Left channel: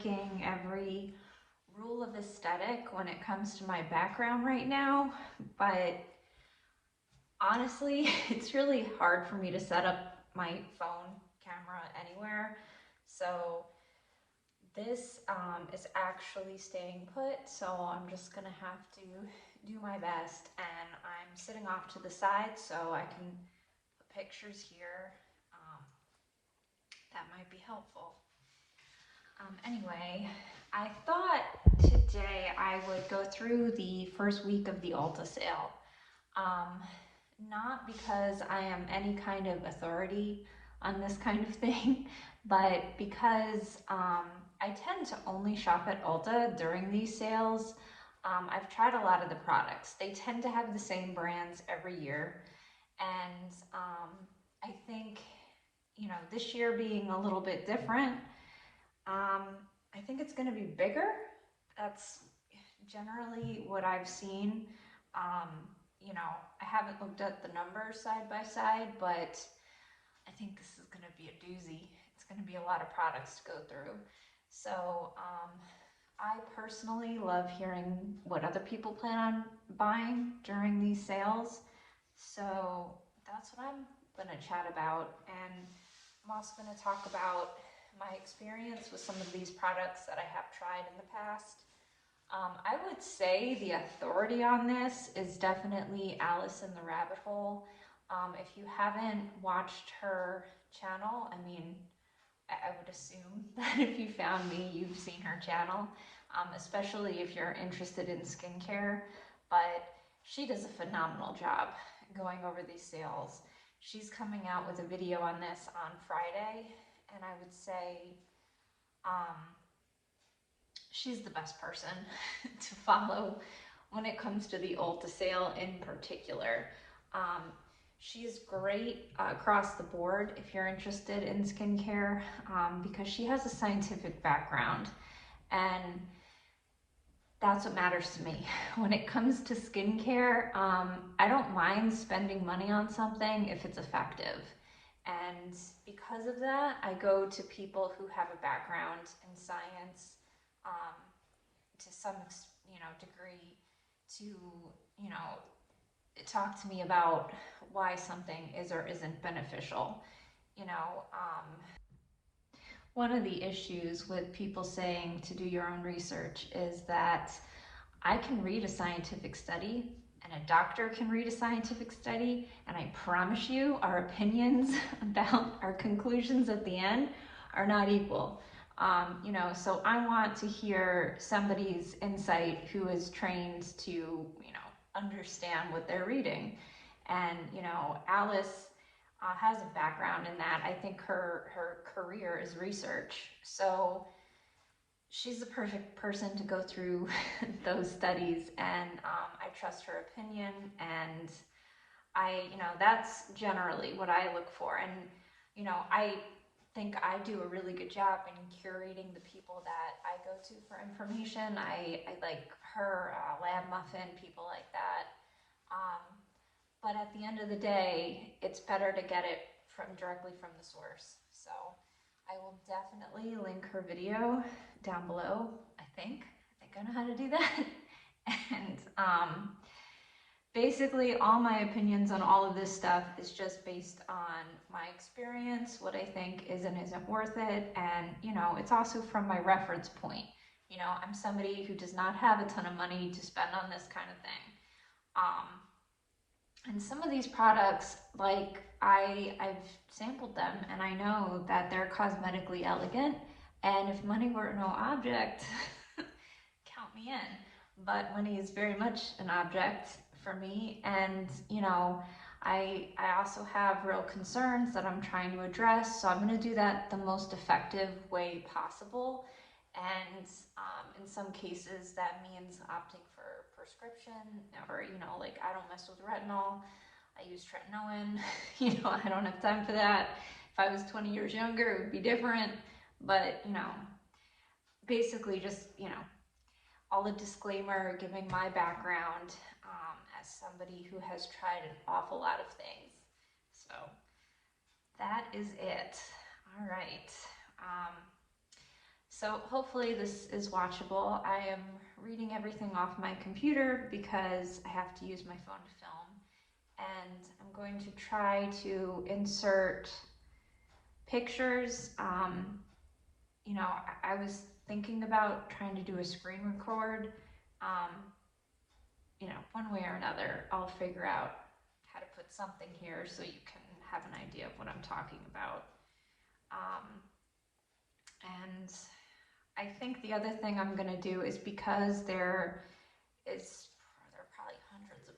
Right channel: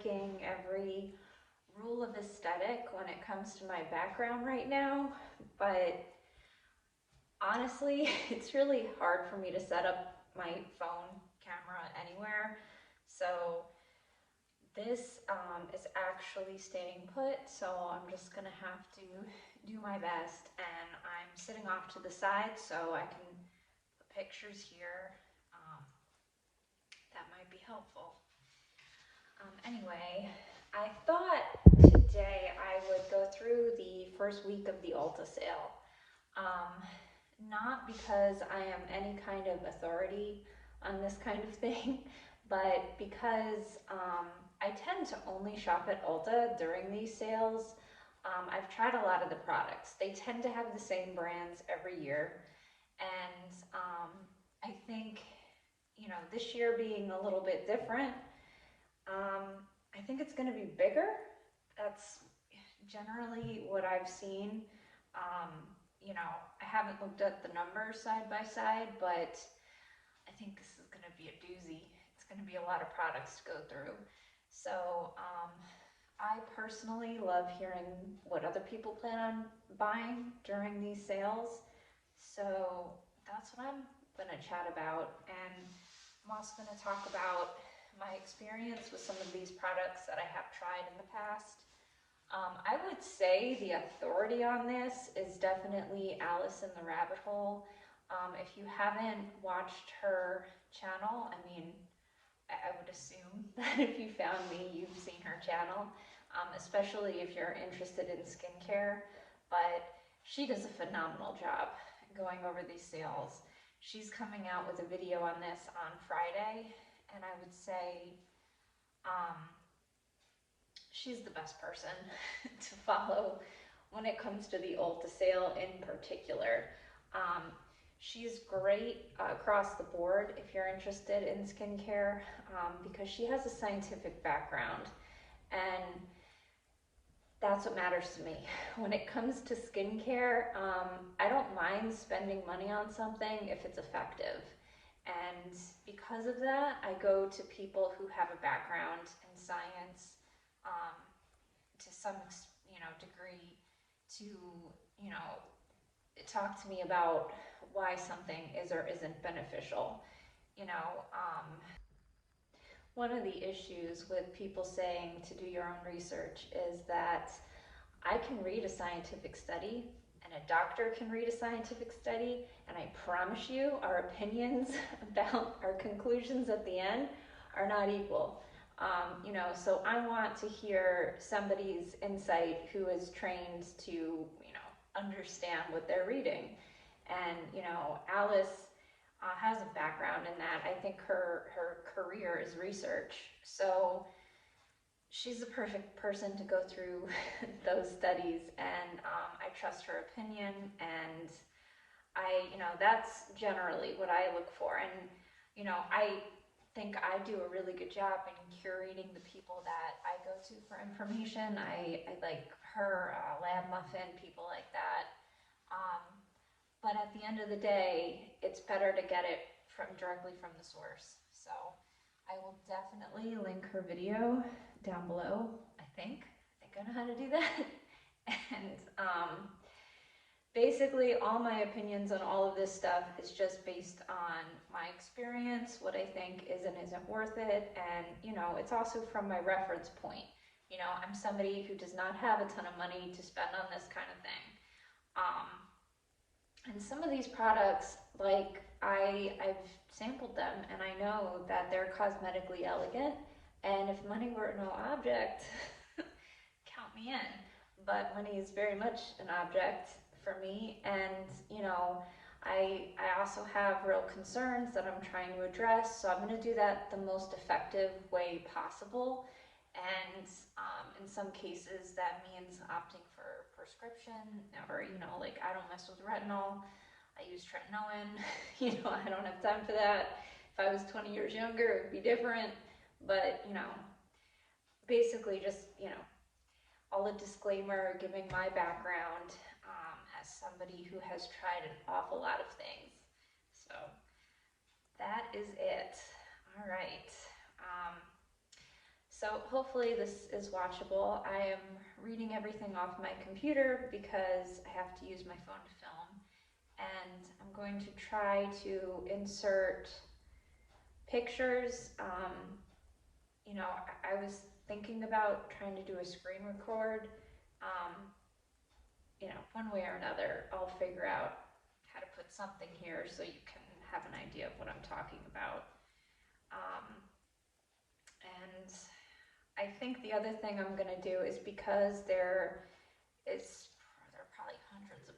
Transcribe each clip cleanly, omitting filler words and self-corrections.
breaking every rule of aesthetic when it comes to my background right now, but honestly, it's really hard for me to set up my phone camera anywhere. So this is actually staying put, so I'm just gonna have to do my best, and I'm sitting off to the side so I can put pictures here. That might be helpful. Anyway, I thought today I would go through the first week of the Ulta sale. Not because I am any kind of authority on this kind of thing, but because I tend to only shop at Ulta during these sales. I've tried a lot of the products. They tend to have the same brands every year, and I think, you know, this year being a little bit different, I think it's going to be bigger. That's generally what I've seen. You know, I haven't looked at the numbers side by side, but I think this is going to be a doozy. It's going to be a lot of products to go through. So I personally love hearing what other people plan on buying during these sales. So that's what I'm going to chat about. And I'm also going to talk about my experience with some of these products that I have tried in the past. I would say the authority on this is definitely Alice in the Rabbit Hole. If you haven't watched her channel, I mean, I would assume that if you found me, you've seen her channel, especially if you're interested in skincare. But she does a phenomenal job going over these sales. She's coming out with a video on this on Friday, and I would say she's the best person to follow when it comes to the Ulta sale in particular. She's great across the board if you're interested in skincare, because she has a scientific background, and that's what matters to me. When it comes to skincare, I don't mind spending money on something if it's effective. And because of that, I go to people who have a background in science, to some, degree, to, talk to me about why something is or isn't beneficial. One of the issues with people saying to do your own research is that I can read a scientific study and a doctor can read a scientific study, and I promise you our opinions about our conclusions at the end are not equal. So I want to hear somebody's insight who is trained to, understand what they're reading. And, Alice has a background in that. I think her career is research. So she's the perfect person to go through those studies, and I trust her opinion, and that's generally what I look for. And, I think I do a really good job in curating the people that I go to for information. I like her, Lab Muffin, people like that. But at the end of the day, it's better to get it directly from the source. So I will definitely link her video down below. I think I know how to do that. And basically all my opinions on all of this stuff is just based on my experience, what I think is and isn't worth it, and it's also from my reference point. I'm somebody who does not have a ton of money to spend on this kind of thing. And some of these products, like I've sampled them, and I know that they're cosmetically elegant, and if money were no object, count me in. But money is very much an object for me, and I also have real concerns that I'm trying to address, so I'm going to do that the most effective way possible. And in some cases that means opting for prescription, or like I don't mess with retinol, I use tretinoin. I don't have time for that. If I was 20 years younger, it would be different. But basically just all a disclaimer, giving my background as somebody who has tried an awful lot of things. So that is it. All right. So hopefully this is watchable. I am reading everything off my computer because I have to use my phone to film. And I'm going to try to insert pictures. You know, I was thinking about trying to do a screen record. You know, one way or another, I'll figure out how to put something here so you can have an idea of what I'm talking about. And I think the other thing I'm gonna do is, because there are probably hundreds of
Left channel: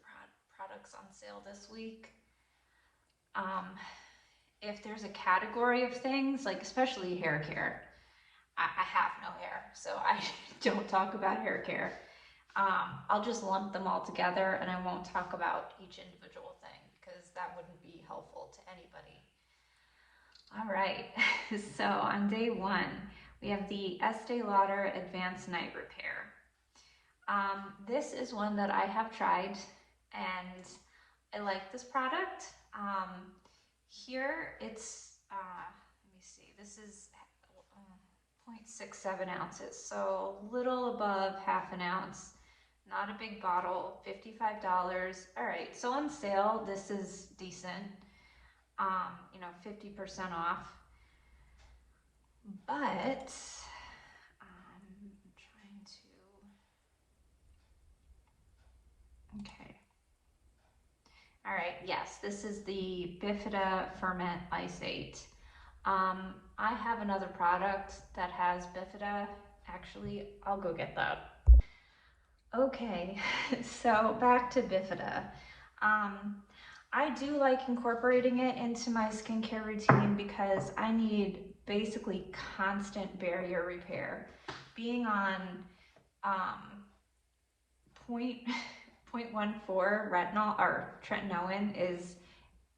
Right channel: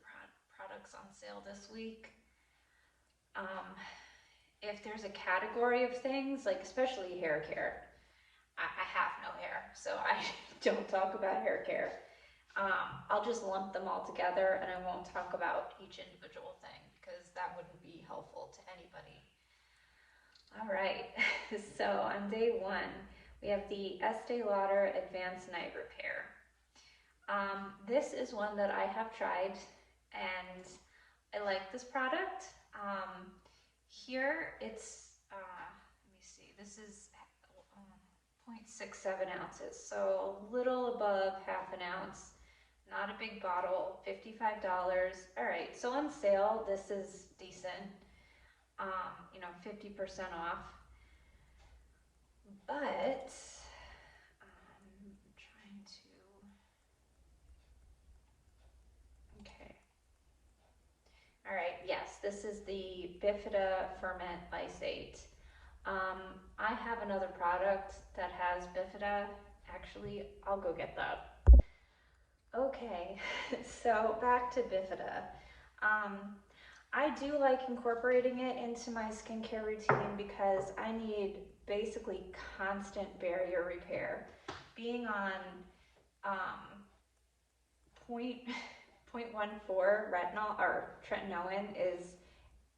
products on sale this week. If there's a category of things, like especially hair care, I have no hair, so I don't talk about hair care. I'll just lump them all together and I won't talk about each individual thing because that wouldn't be helpful to anybody. All right, so on day one, we have the Estee Lauder Advanced Night Repair. This is one that I have tried and I like this product. Here it's, let me see, this is 0.67 ounces, so a little above half an ounce. Not a big bottle, $55. All right, so on sale, this is decent. You know, 50% off. But I'm trying to, okay. All right, yes, this is the Bifida Ferment Lysate. I have another product that has Bifida. Actually, I'll go get that. Okay, so back to Bifida. I do like incorporating it into my skincare routine because I need basically constant barrier repair. Being on 0.14 retinol or tretinoin is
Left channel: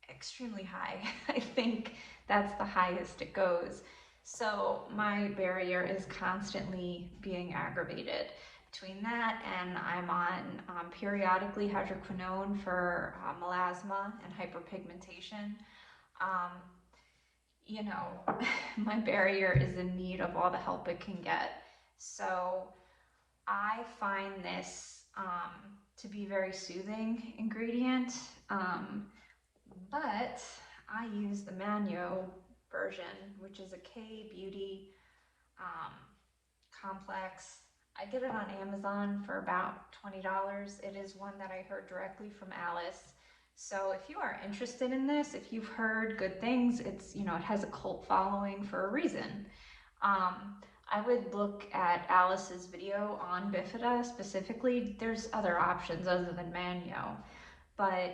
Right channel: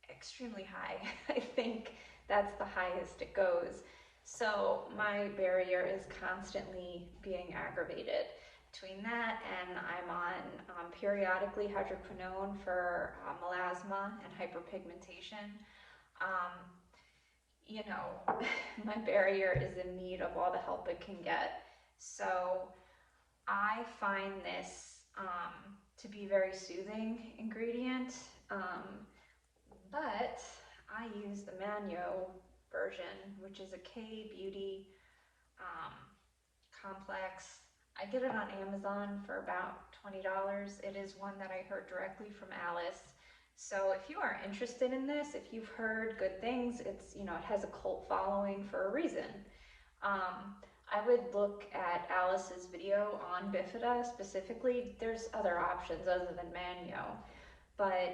extremely high. I think that's the highest it goes. So my barrier is constantly being aggravated. Between that and I'm on periodically hydroquinone for melasma and hyperpigmentation. You know, my barrier is in need of all the help it can get. So I find this to be a very soothing ingredient, but I use the Manyo version, which is a K-beauty complex. I get it on Amazon for about $20. It is one that I heard directly from Alice. So if you are interested in this, if you've heard good things, it's, you know, it has a cult following for a reason. I would look at Alice's video on Bifida specifically. There's other options other than Manyo, but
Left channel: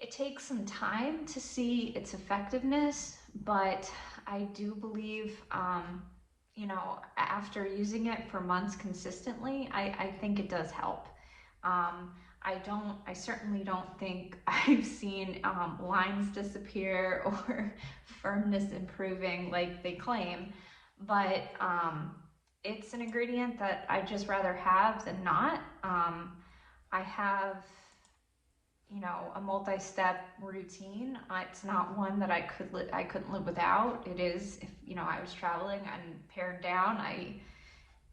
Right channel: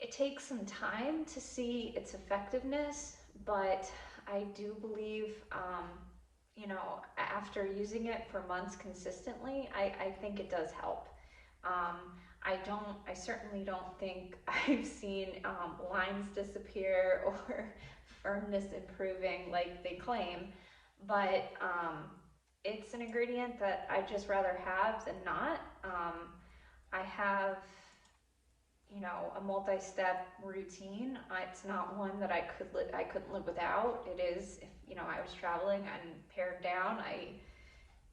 it takes some time to see its effectiveness, but I do believe, you know, after using it for months consistently, I think it does help. I certainly don't think I've seen lines disappear or firmness improving like they claim, but it's an ingredient that I'd just rather have than not. I have, you know, a multi-step routine. It's not one that I couldn't live without. It is, if, you know, I was traveling and pared down, I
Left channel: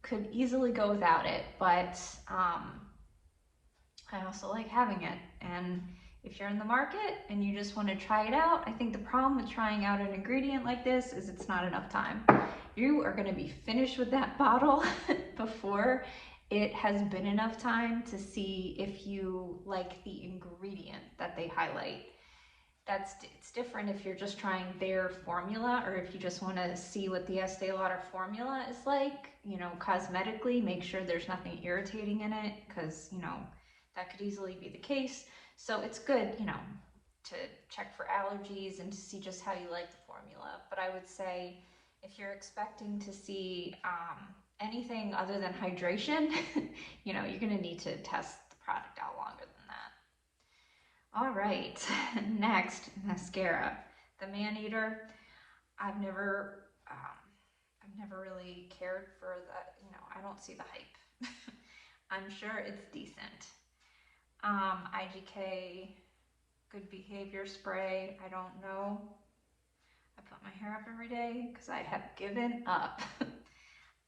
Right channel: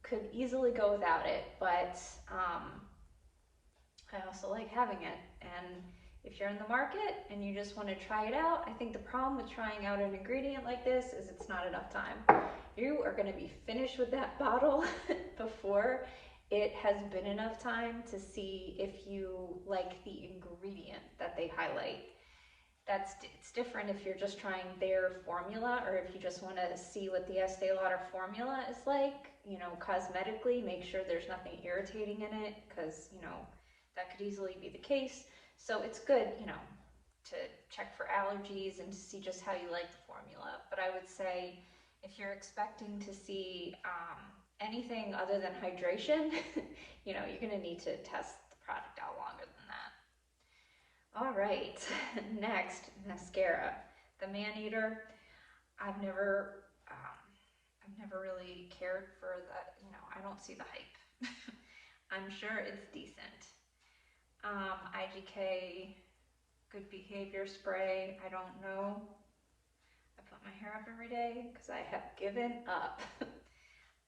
could easily go without it, but I also like having it. And if you're in the market and you just want to try it out, I think the problem with trying out an ingredient like this is it's not enough time. You are going to be finished with that bottle before it has been enough time to see if you like the ingredient that they highlight. It's different if you're just trying their formula, or if you just want to see what the Estee Lauder formula is like, you know, cosmetically, make sure there's nothing irritating in it, because, you know, that could easily be the case. So it's good, you know, to check for allergies and to see just how you like the formula. But I would say if you're expecting to see anything other than hydration, you know, you're going to need to test the product out longer than that. All right, next, mascara. The Maneater. I've never really cared for that. You know, I don't see the hype. I'm sure it's decent. IGK Good Behavior Spray. I don't know. I put my hair up every day because I have given up.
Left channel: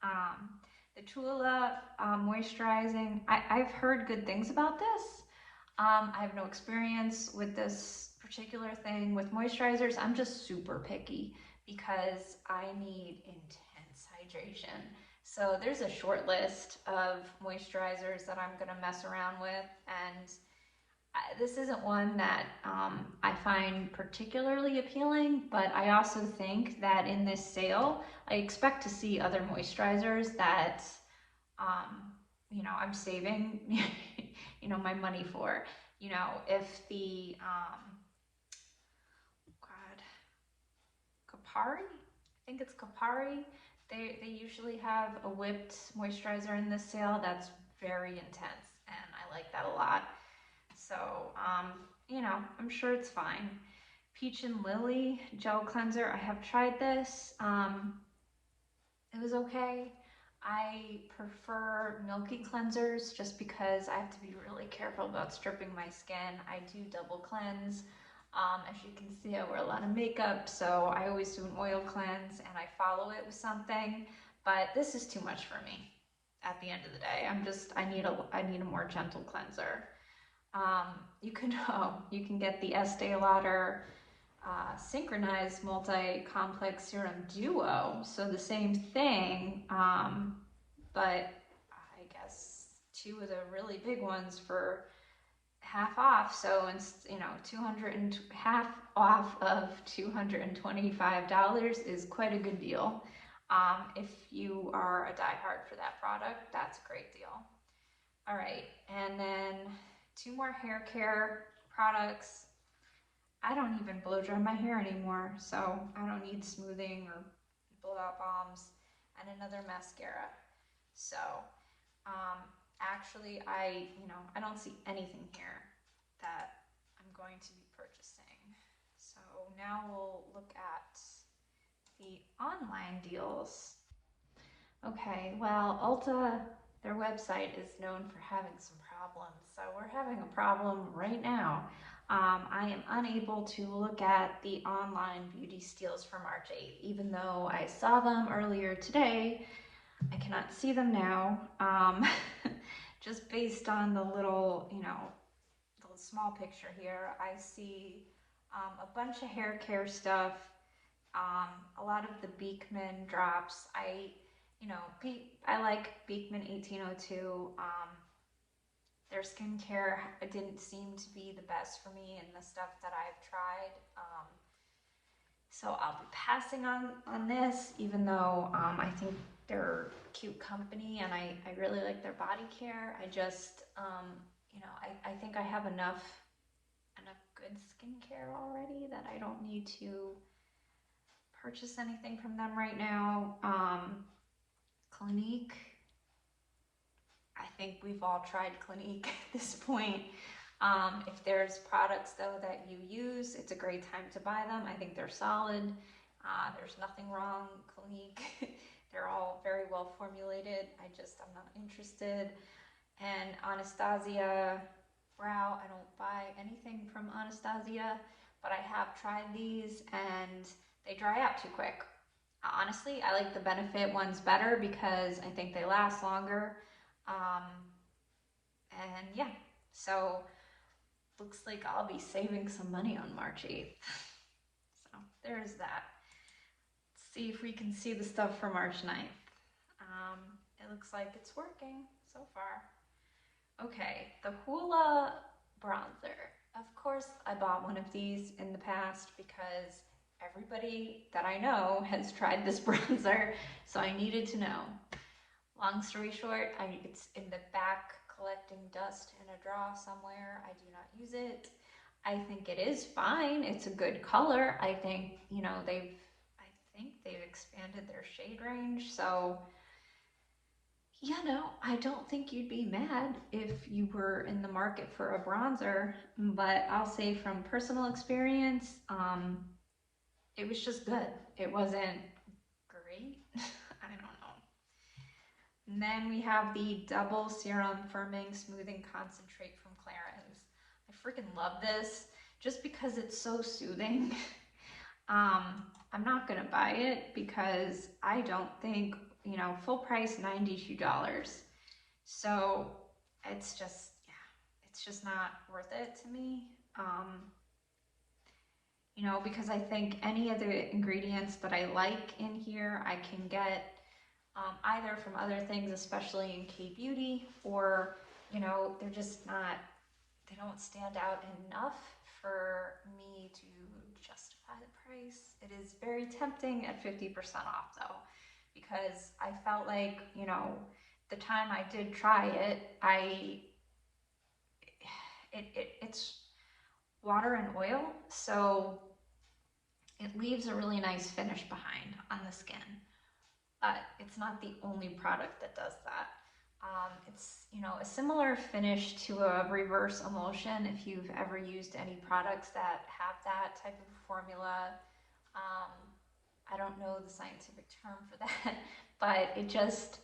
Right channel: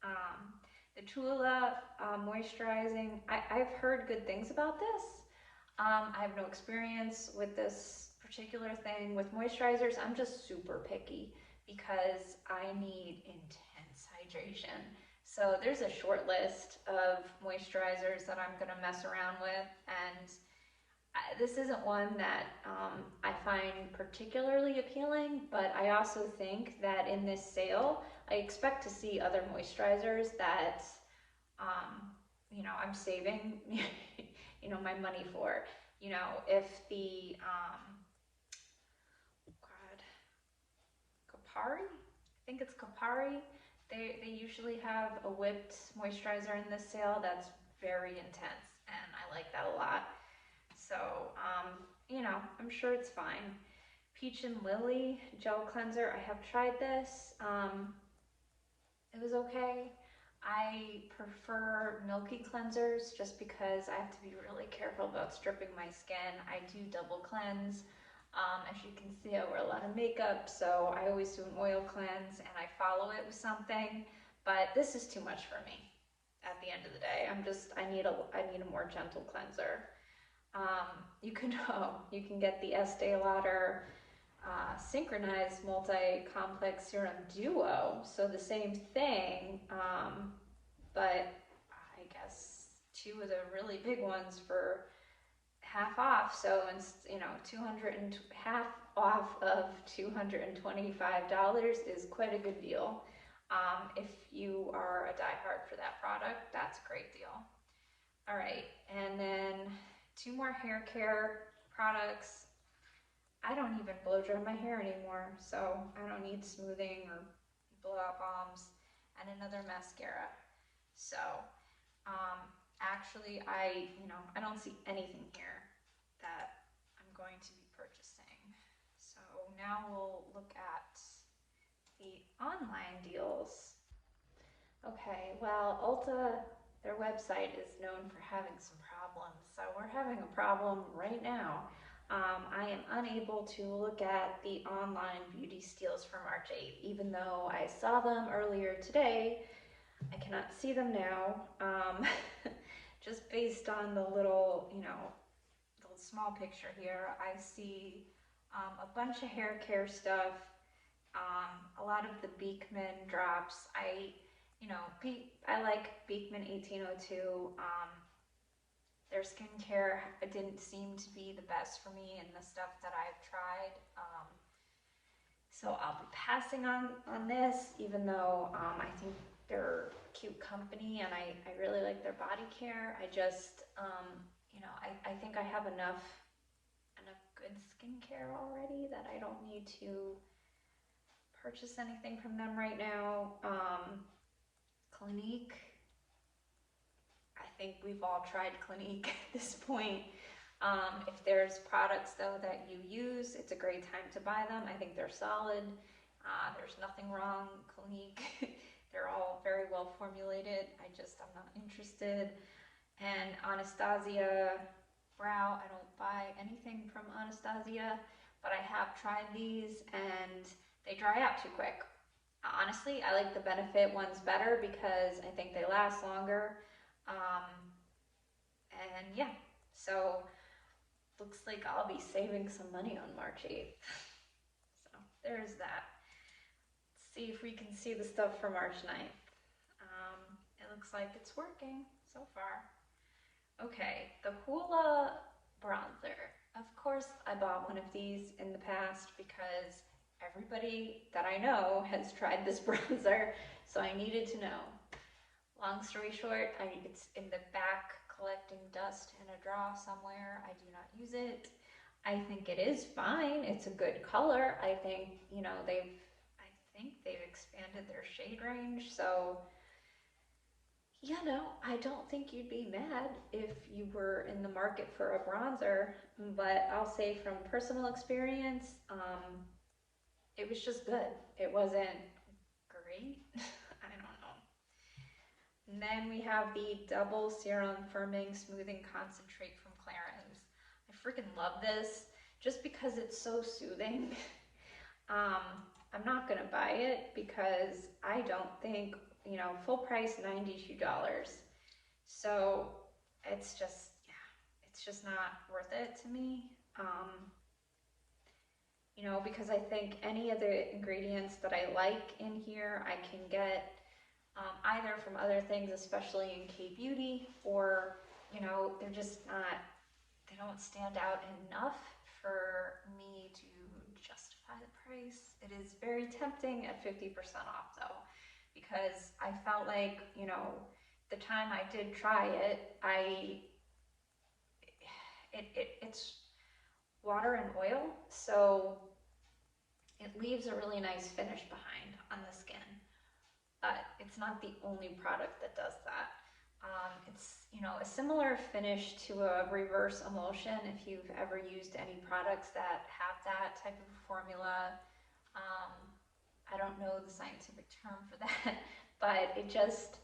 Um, the Tula moisturizing, I've heard good things about this. I have no experience with this particular thing with moisturizers. I'm just super picky because I need intense hydration. So there's a short list of moisturizers that I'm gonna mess around with, and this isn't one that I find particularly appealing, but I also think that in this sale, I expect to see other moisturizers that um, I'm saving, my money for. If the, God, Kapari, I think it's Kapari, they usually have a whipped moisturizer in this sale that's very intense, and I like that a lot. So, I'm sure it's fine. Peach and Lily gel cleanser, I have tried this. It was okay. I prefer milky cleansers just because I have to be really careful about stripping my skin. I do double cleanse. As you can see, I wear a lot of makeup, so I always do an oil cleanse and I follow it with something, but this is too much for me at the end of the day. I need a more gentle cleanser. You can get the Estee Lauder synchronized multi-complex serum duo. So the same thing, but I guess two of the really big ones for half off. So it's, 200 and half off of $225 is quite a good deal. If you are a diehard for that product, that's a great deal. All right, and then two more hair care products. I don't even blow dry my hair anymore, so I don't need smoothing or blowout balms, and another mascara. So, actually, I don't see anything here that I'm going to be purchasing. So now we'll look at the online deals. Okay, well, Ulta, their website is known for having some problems, so we're having a problem right now. I am unable to look at the online beauty steals for March 8th, even though I saw them earlier today. I cannot see them now, just based on the little, the small picture here. I see a bunch of hair care stuff, a lot of the Beekman drops. I like Beekman 1802. Their skincare didn't seem to be the best for me in the stuff that I've tried. So I'll be passing on this, even though I think they're a cute company and I really like their body care. I just, I think I have enough good skincare already that I don't need to purchase anything from them right now. Clinique, I think we've all tried Clinique at this point. If there's products though that you use, it's a great time to buy them. I think they're solid. There's nothing wrong with Clinique. They're all very well formulated. I'm not interested. And Anastasia Brow, I don't buy anything from Anastasia, but I have tried these and they dry out too quick. Honestly, I like the Benefit ones better because I think they last longer. And yeah, so looks like I'll be saving some money on March 8th. So there's that. Let's see if we can see the stuff for March 9th. It looks like it's working so far. Okay, the Hoola bronzer. Of course, I bought one of these in the past because everybody that I know has tried this bronzer, so I needed to know. Long story short, it's in the back collecting dust in a drawer somewhere. I do not use it. I think it is fine. It's a good color. I think, they've expanded their shade range, so I don't think you'd be mad if you were in the market for a bronzer, but I'll say from personal experience, it was just good. It wasn't great. I don't know. And then we have the Double Serum Firming Smoothing Concentrate from Clarins. I freaking love this just because it's so soothing. I'm not gonna buy it because I don't think you know, full price $92. So it's just, yeah, it's just not worth it to me. You know, because I think any of the ingredients that I like in here, I can get either from other things, especially in K-beauty, or, you know, they're just not, they don't stand out enough for me to justify the price. It is very tempting at 50% off though, because I felt like, you know, the time I did try it, it's water and oil, so it leaves a really nice finish behind on the skin. But it's not the only product that does that. It's, you know, a similar finish to a reverse emulsion if you've ever used any products that have that type of formula. I don't know the scientific term for that, but it just,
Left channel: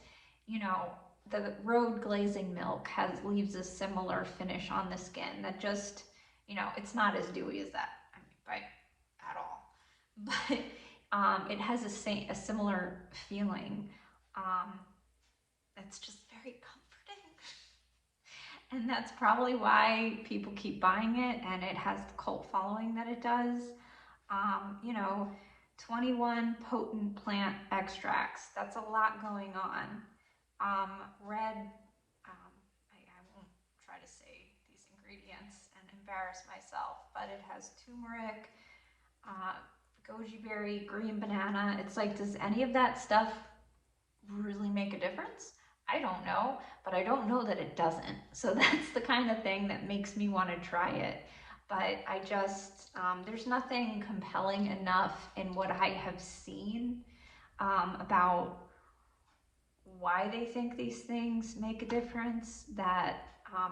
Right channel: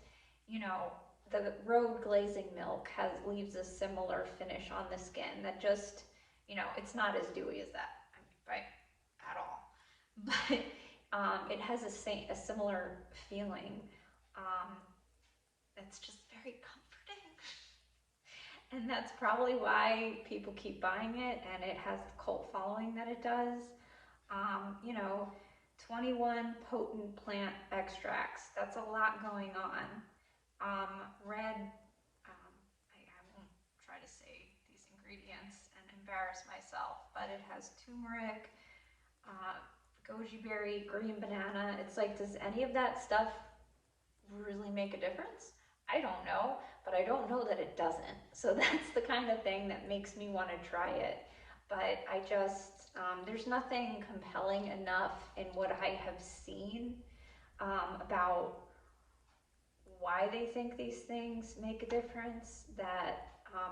you know, the road glazing milk leaves a similar finish on the skin that just, you know, it's not as dewy as that, I mean, at all. But it has a similar feeling. That's just very comforting. And that's probably why people keep buying it, and it has the cult following that it does. You know, 21 potent plant extracts. That's a lot going on. Red, I won't try to say these ingredients and embarrass myself, but it has turmeric, goji berry, green banana. It's like, does any of that stuff really make a difference? I don't know, but I don't know that it doesn't. So that's the kind of thing that makes me want to try it. But I just, there's nothing compelling enough in what I have seen about why they think these things make a difference that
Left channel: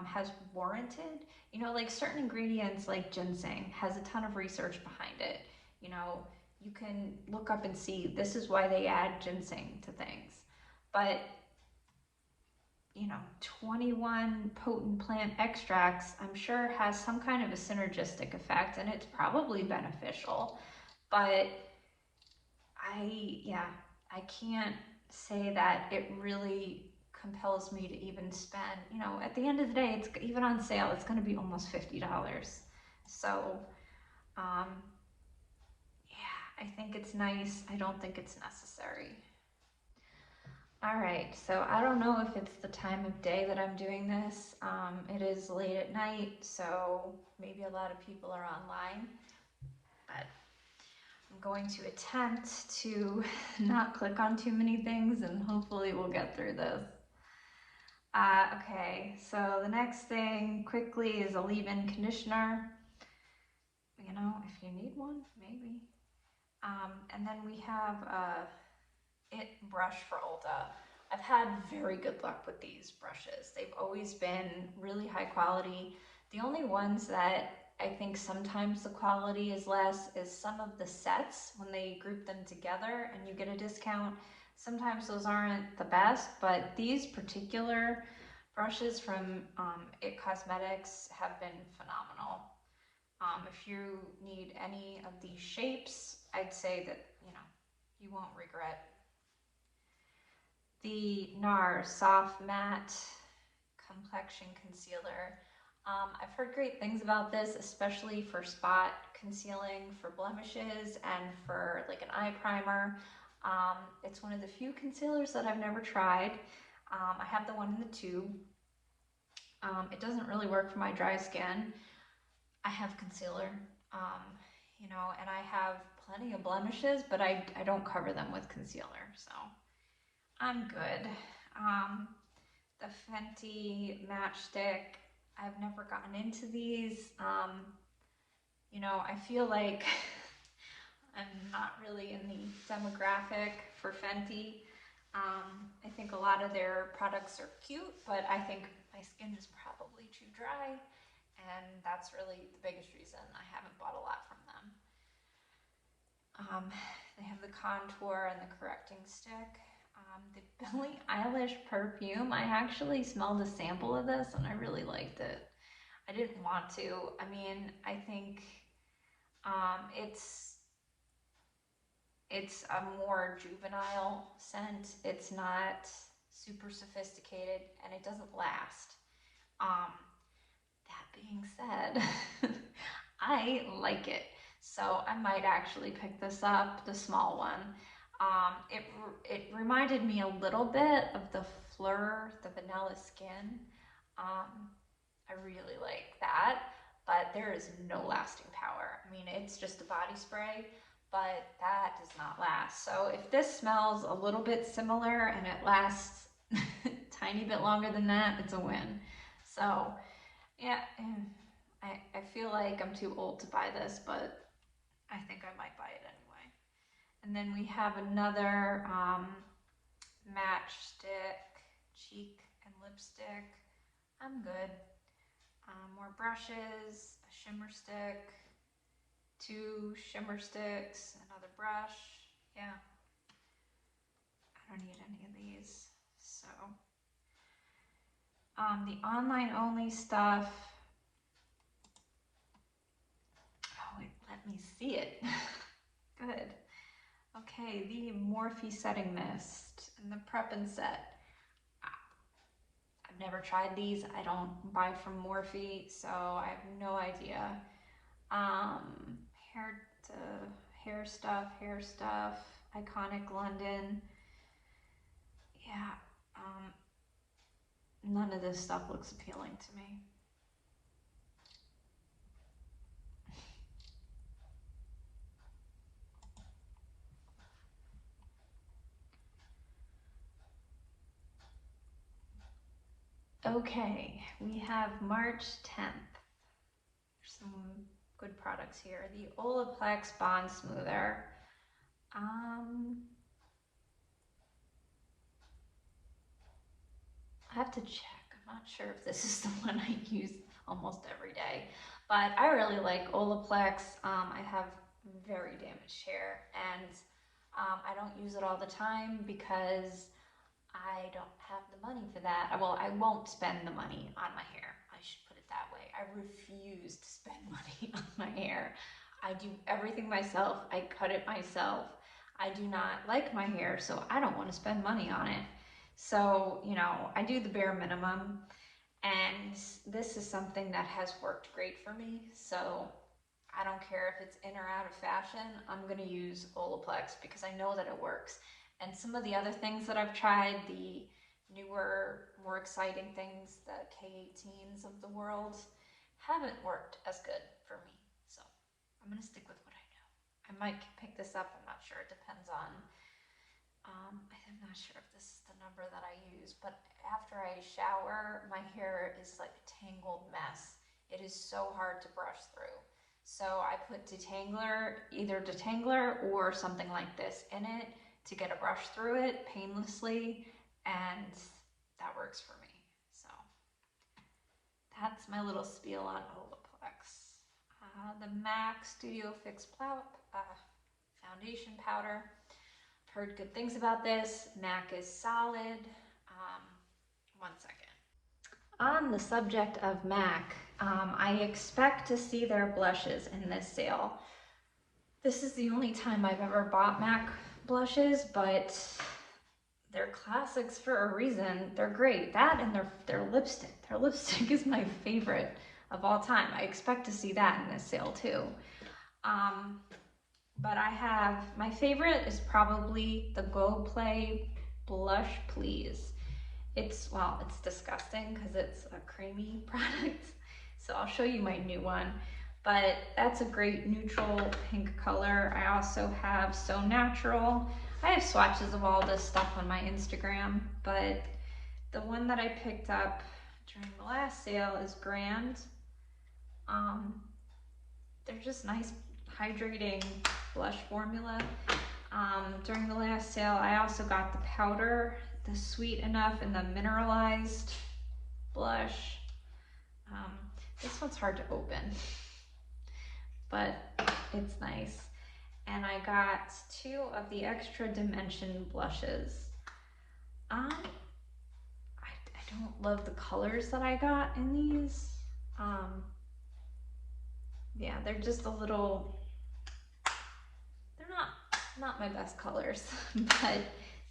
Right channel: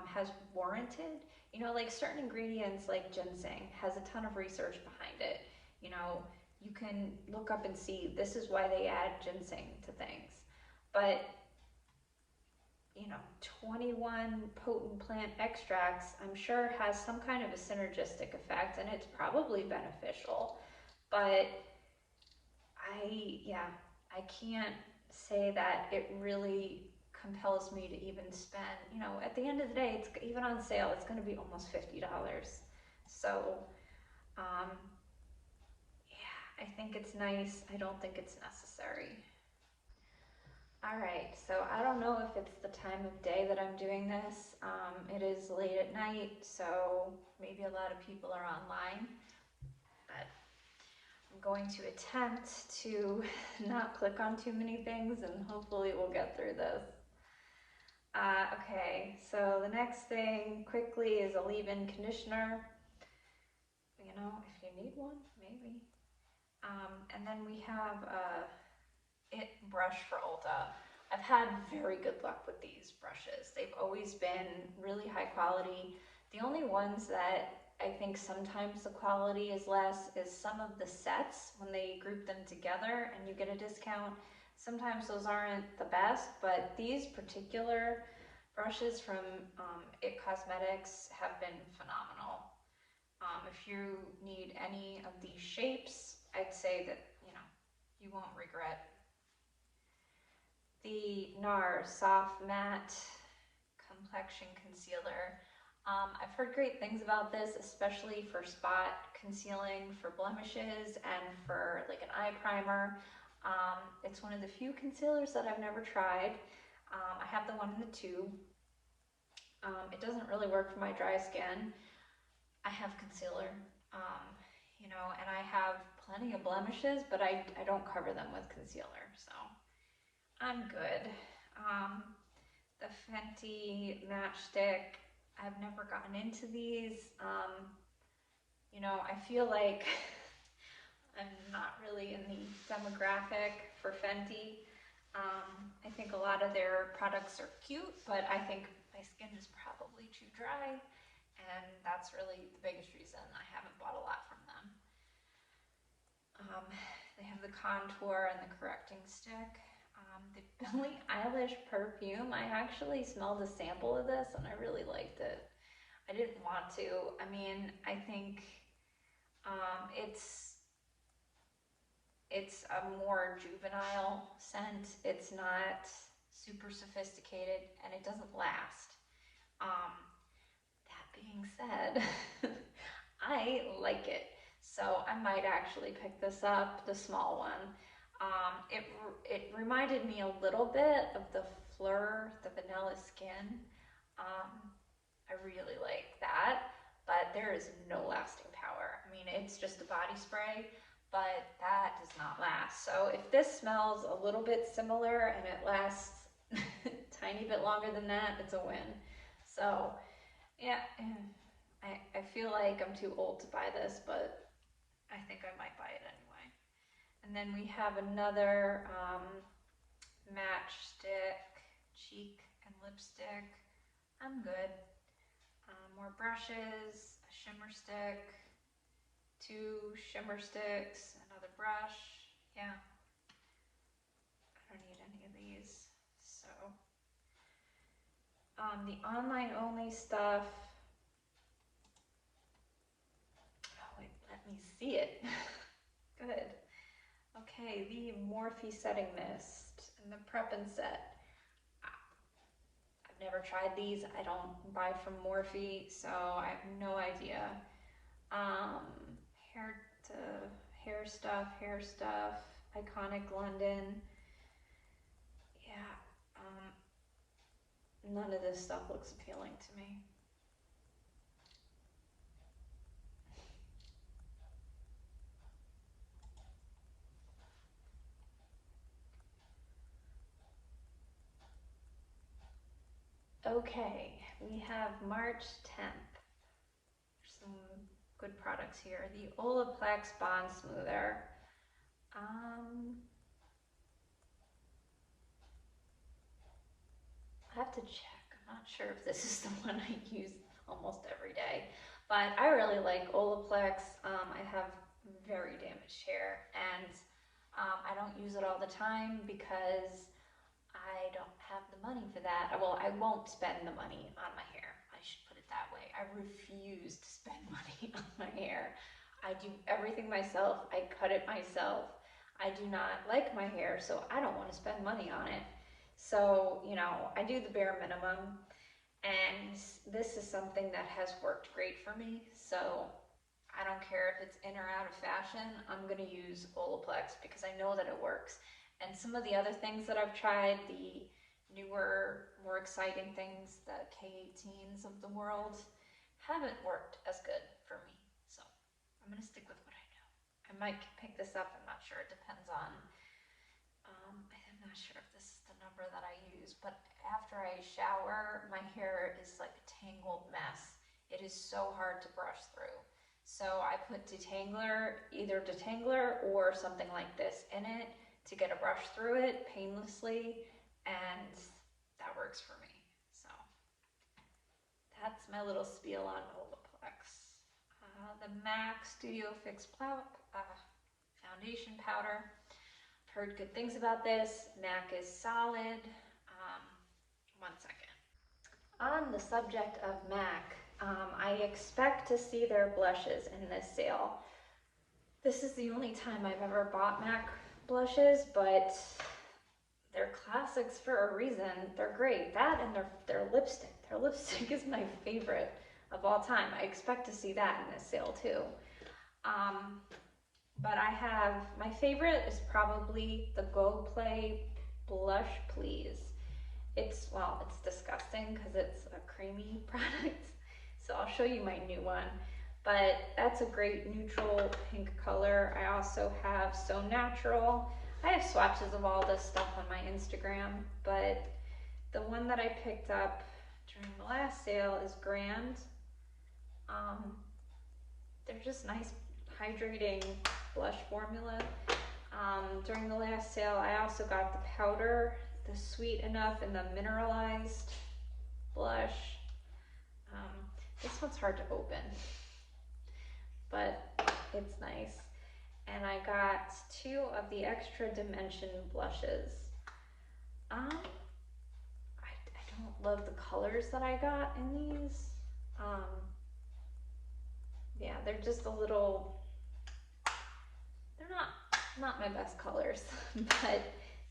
has warranted. You know, like certain ingredients like ginseng has a ton of research behind it. You know, you can look up and see this is why they add ginseng to things. But, you know, 21 potent plant extracts, I'm sure has some kind of a synergistic effect, and it's probably beneficial. But I can't say that it really compels me to even spend, you know, at the end of the day, it's even on sale, it's going to be almost $50. So, yeah, I think it's nice. I don't think it's necessary. All right, so I don't know if it's the time of day that I'm doing this. It is late at night, so maybe a lot of people are online, but I'm going to attempt to not click on too many things, and hopefully we'll get through this. Okay, so the next thing quickly is a leave-in conditioner. You know, if you need one, maybe. And then we have It brush for Ulta. I've had very good luck with these brushes. They've always been really high quality. The only ones that I think sometimes the quality is less is some of the sets when they group them together and you get a discount. Sometimes those aren't the best, but these particular brushes from It Cosmetics have been phenomenal. If you need any of these shapes, I'd say that, you know, you won't regret. The NARS Soft Matte Complexion Concealer. I've heard great things about this, especially for spot concealing, for blemishes, and for like an eye primer. It's one of the few concealers that I've never tried. I have the one in the tube. It doesn't really work for my dry skin. I have concealer, you know, and I have plenty of blemishes, but I don't cover them with concealer, so I'm good. The Fenty Matchstick, I've never gotten into these. You know, I feel like I'm not really in the demographic for Fenty. I think a lot of their products are cute, but I think my skin is probably too dry, and that's really the biggest reason I haven't bought a lot from them. They have the contour and the correcting stick. The Billie Eilish perfume, I actually smelled a sample of this and I really liked it. I didn't want to. I mean, I think it's It's a more juvenile scent. It's not super sophisticated, and it doesn't last. Um, that being said, I like it. So I might actually pick this up, the small one. It reminded me a little bit of the Fleur, the vanilla skin. Um, I really like that, but there is no lasting power. I mean, it's just a body spray, but that does not last. So if this smells a little bit similar and it lasts a tiny bit longer than that, it's a win. So yeah, and I feel like I'm too old to buy this, but I think I might buy it anyway. And then we have another matchstick, cheek and lipstick. I'm good. More brushes, a shimmer stick, 2 shimmer sticks, another brush. Yeah, I don't need any of these. So, the online only stuff. Oh wait, let me see it. Good. Okay, the Morphe Setting Mist and the Prep and Set. I've never tried these. I don't buy from Morphe, so I have no idea. Hair stuff, Iconic London. Yeah, none of this stuff looks appealing to me. Okay, we have March 10th. There's some good products here. The Olaplex Bond Smoother. I have to check. I'm not sure if this is the one I use almost every day, but I really like Olaplex. I have very damaged hair, and I don't use it all the time because I don't have the money for that. Well, I won't spend the money on my hair. I should put it that way. I refuse to spend money on my hair. I do everything myself. I cut it myself. I do not like my hair, so I don't want to spend money on it. So, you know, I do the bare minimum, and this is something that has worked great for me. So I don't care if it's in or out of fashion, I'm gonna use Olaplex because I know that it works. And some of the other things that I've tried, the newer, more exciting things, the K18s of the world, haven't worked as good for me. So I'm gonna stick with what I know. I might pick this up, I'm not sure, it depends on I'm not sure if this is the number that I use, but after I shower, my hair is like a tangled mess. It is so hard to brush through. So I put detangler, either detangler or something like this in it to get a brush through it painlessly, and that works for me. So that's my little spiel on Olaplex. The MAC Studio Fix foundation powder. Heard good things about this. MAC is solid. 1 second. On the subject of MAC, I expect to see their blushes in this sale. This is the only time I've ever bought MAC blushes, but they're classics for a reason. They're great. That and their lipstick. Their lipstick is my favorite of all time. I expect to see that in this sale too. But I have, my favorite is probably the Go Play Blush Please. It's disgusting because it's a creamy product. So I'll show you my new one. But that's a great neutral pink color. I also have So Natural. I have swatches of all this stuff on my Instagram, but the one that I picked up during the last sale is Grand. They're just nice hydrating blush formula. During the last sale, I also got the powder, the Sweet Enough and the mineralized blush. This one's hard to open, but it's nice. And I got 2 of the Extra Dimension blushes. I don't love the colors that I got in these. Yeah, they're just a little, they're not my best colors, but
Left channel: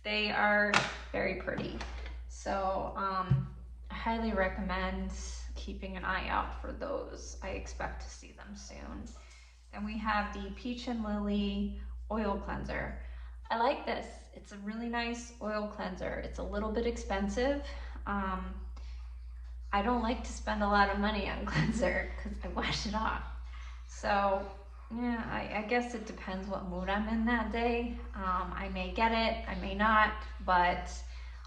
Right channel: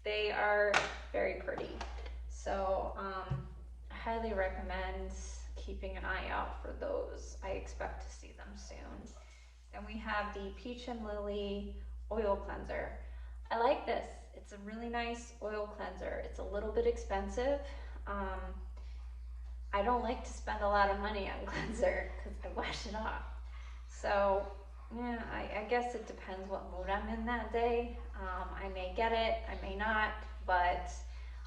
they are very pretty. So I highly recommend keeping an eye out for those. I expect to see them soon. Then we have the Peach and Lily Oil Cleanser. I like this. It's a really nice oil cleanser. It's a little bit expensive. Um, I don't like to spend a lot of money on cleanser because I wash it off. So yeah, I guess it depends what mood I'm in that day. I may get it, I may not, but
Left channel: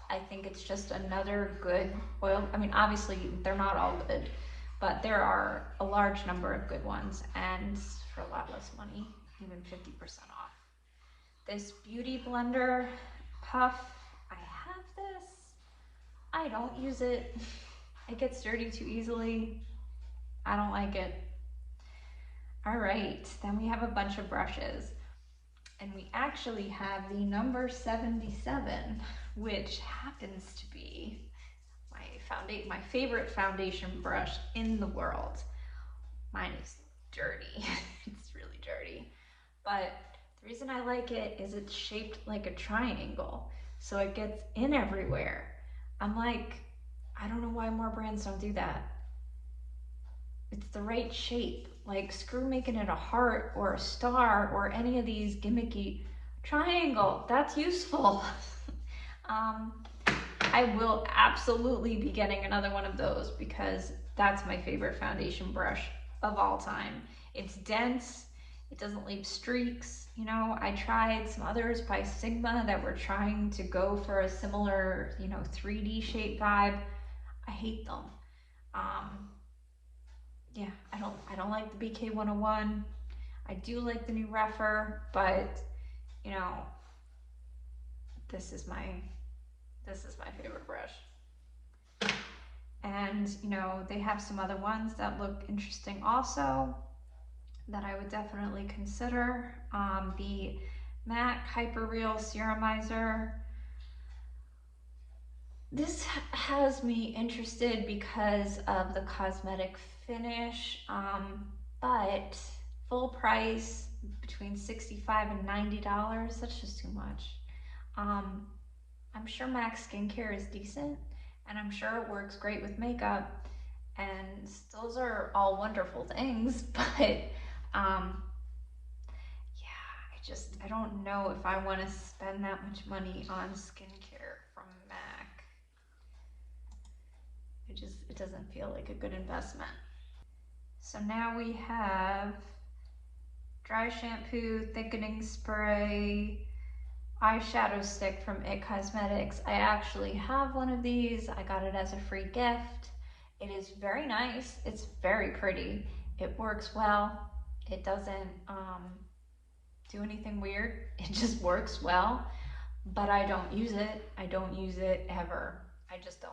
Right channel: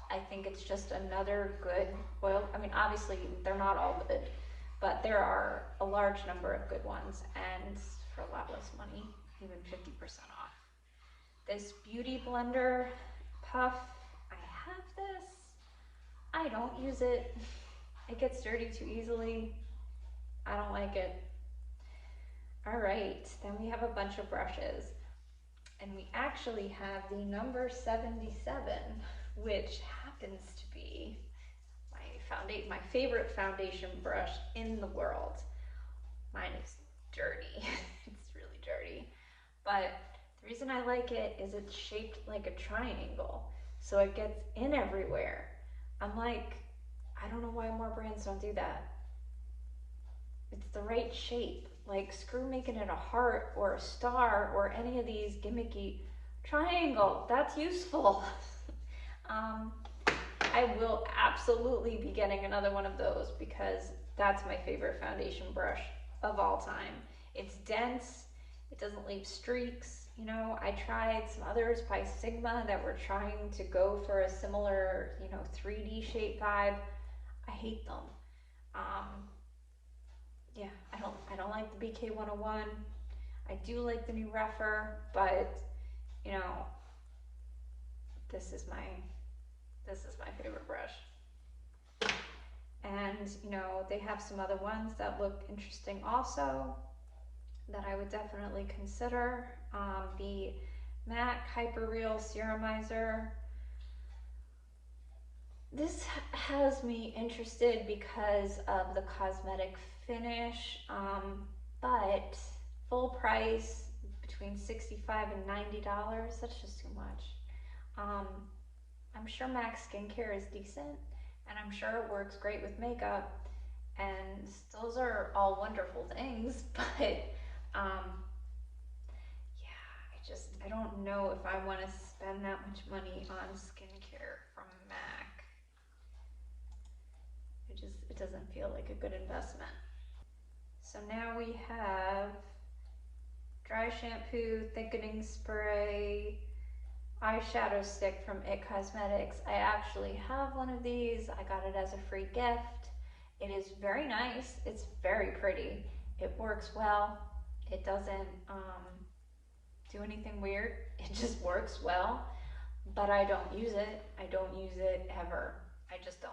I think it's just another good oil. I mean, obviously they're not all good, but there are a large number of good ones, and for a lot less money, even 50% off. This Beauty Blender puff, I have this. I don't use it. It gets dirty too easily. I don't like it. All right, then we have a bunch of brushes. And we actually have the number 77, which happens to be my favorite foundation brush in the world. Mine is dirty. It's really dirty. But the reason I like it is it's shaped like a triangle, so it gets in everywhere. I'm like, I don't know why more brands don't do that. It's the right shape. Like, screw making it a heart or a star or any of these gimmicky triangle. That's useful. I will absolutely be getting another one of those because that's my favorite foundation brush of all time. It's dense. It doesn't leave streaks. You know, I tried some others by Sigma that were trying to go for a similar, 3D shape vibe. I hate them. Yeah, I don't like the BK 101. I do like the new Refer, but you know, this is my favorite brush. And they have some other ones that look interesting also that I would definitely consider. The MAC Hyperreal Serumizer. This has me interested because of the cosmetic finish, but full price between $65 and $90, that's just too much. I'm sure MAC Skincare is decent, and I'm sure it works great with makeup, and those are all wonderful things, but yeah, I don't know if I want to spend that much money on skincare from MAC. It doesn't feel like a good investment. So now we have dry shampoo, thickening spray, eyeshadow stick from IT Cosmetics. I actually have one of these. I got it as a free gift. It is very nice. It's very pretty. It works well. It doesn't do anything weird. It just works well, but I don't use it. I don't use it ever. I just don't.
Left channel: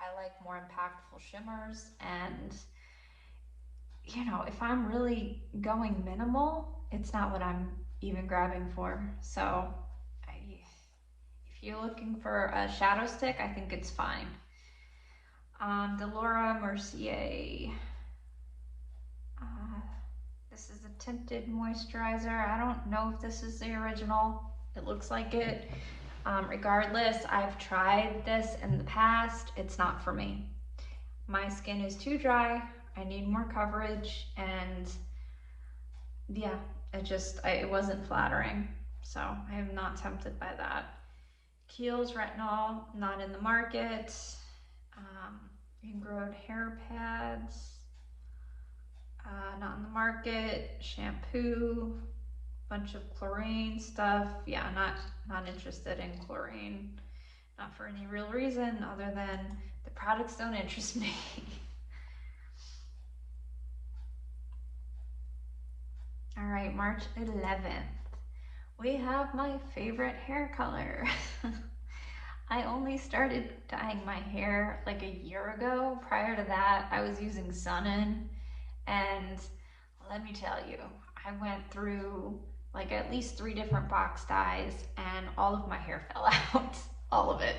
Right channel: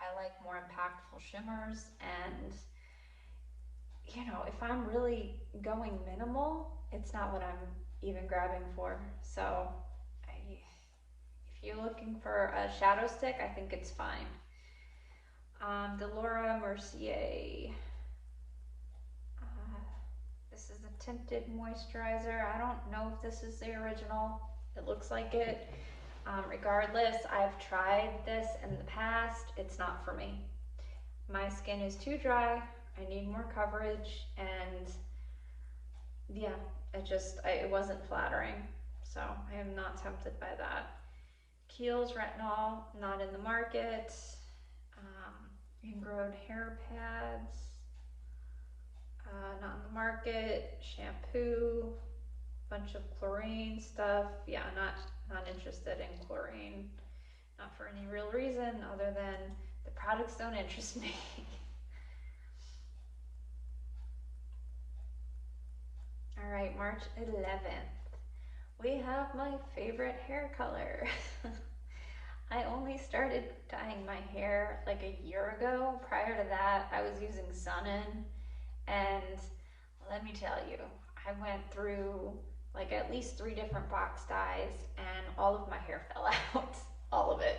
I like more impactful shimmers, and if I'm really going minimal, it's not what I'm even grabbing for. So if you're looking for a shadow stick, I think it's fine. The Laura Mercier. This is a tinted moisturizer. I don't know if this is the original. It looks like it. Regardless, I've tried this in the past. It's not for me. My skin is too dry. I need more coverage, and yeah, it wasn't flattering. So I am not tempted by that. Kiehl's Retinol, not in the market. Ingrowed hair pads, not in the market. Shampoo, bunch of chlorine stuff. Yeah, not interested in chlorine. Not for any real reason other than the products don't interest me. All right, March 11th. We have my favorite hair color. I only started dyeing my hair like a year ago. Prior to that, I was using Sun-In, and let me tell you, I went through like at least 3 different box dyes, and all of my hair fell out. All of it.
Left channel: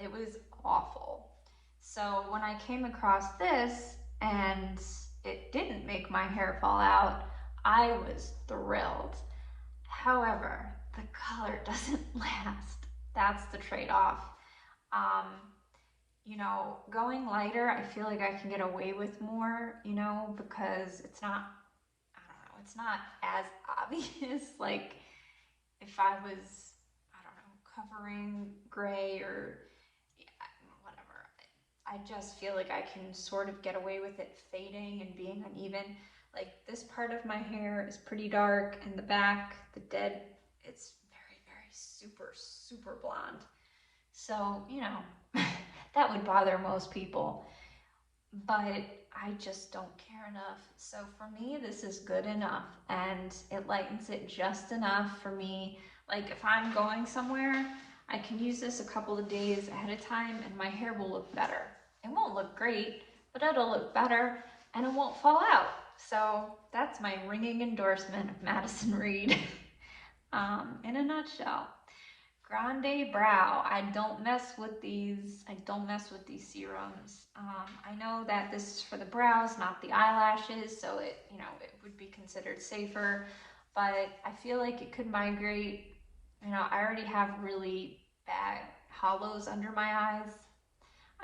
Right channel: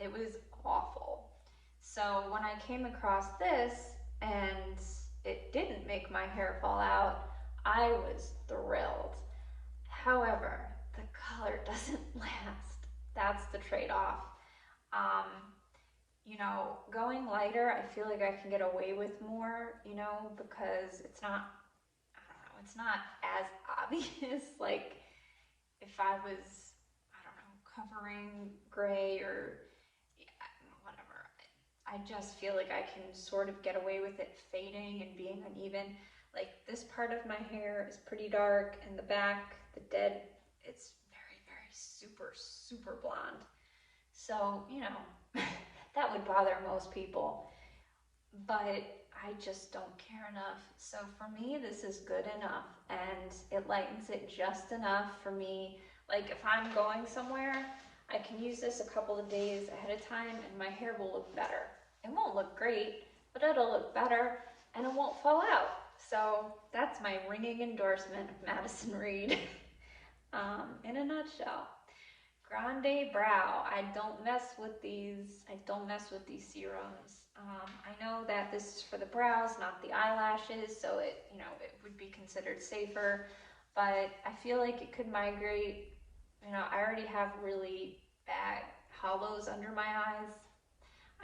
It was awful. So when I came across this and it didn't make my hair fall out, I was thrilled. However, the color doesn't last. That's the trade-off. Um, going lighter, I feel like I can get away with more, because it's not, I don't know, it's not as obvious. Like if I was, I don't know, covering gray or yeah, whatever. I just feel like I can sort of get away with it fading and being uneven. Like this part of my hair is pretty dark, and the back, the dead, it's very, very super, super blonde. So, that would bother most people, but I just don't care enough. So for me, this is good enough, and it lightens it just enough for me. Like if I'm going somewhere, I can use this a couple of days ahead of time and my hair will look better. It won't look great, but it'll look better and it won't fall out. So that's my ringing endorsement of Madison Reed in a nutshell. Grande Brow. I don't mess with these. I don't mess with these serums. I know that this is for the brows, not the eyelashes, so it would be considered safer. But I feel like it could migrate. I already have really bad hollows under my eyes.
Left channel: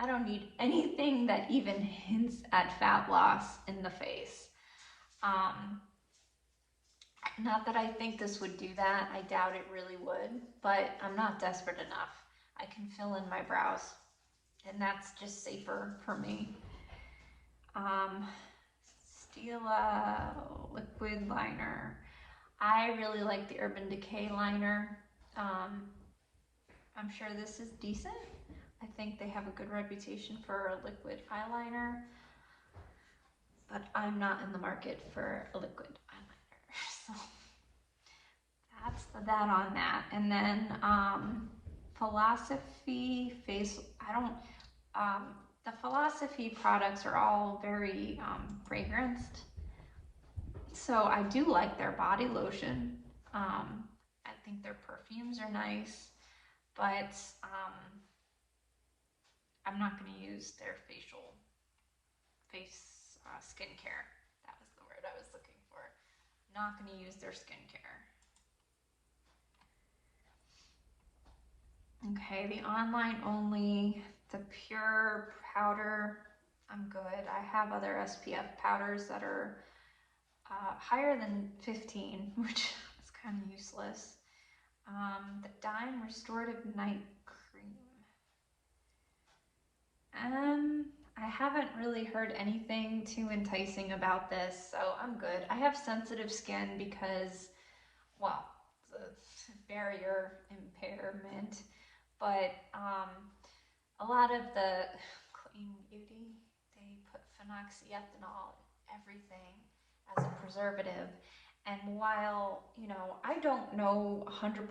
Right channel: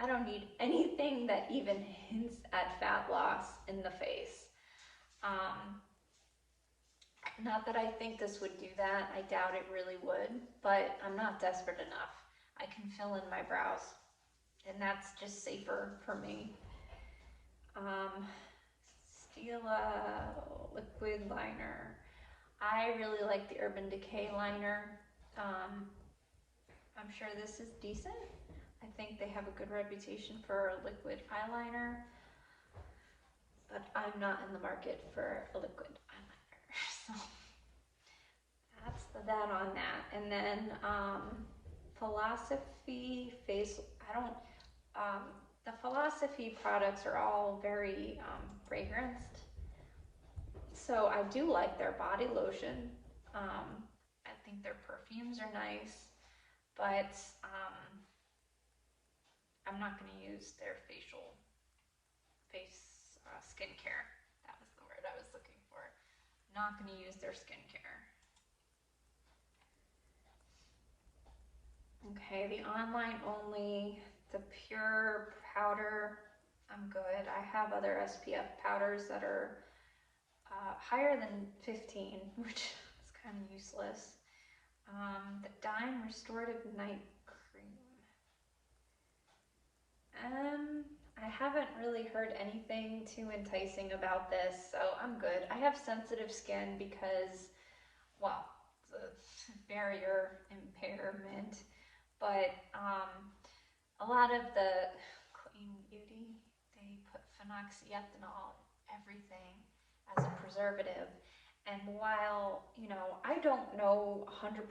I don't need anything that even hints at fat loss in the face. Not that I think this would do that. I doubt it really would, but I'm not desperate enough. I can fill in my brows, and that's just safer for me. Stila liquid liner. I really like the Urban Decay liner. I'm sure this is decent. I think they have a good reputation for a liquid eyeliner, but I'm not in the market for a liquid eyeliner. So that's that on that. And then Philosophy face, I don't, the Philosophy products are all very fragranced. So I do like their body lotion. I think their perfumes are nice, but I'm not going to use their face skincare. That was the word I was looking for. Not going to use their skincare. Okay, the online only, the pure powder, I'm good. I have other SPF powders that are higher than 15, which is kind of useless. The Dime Restorative Night Cream. I haven't really heard anything too enticing about this, so I'm good. I have sensitive skin because, well, the barrier impairment, but a lot of the clean beauty, they put phenoxyethanol in everything as a preservative. And while, I don't know 100%,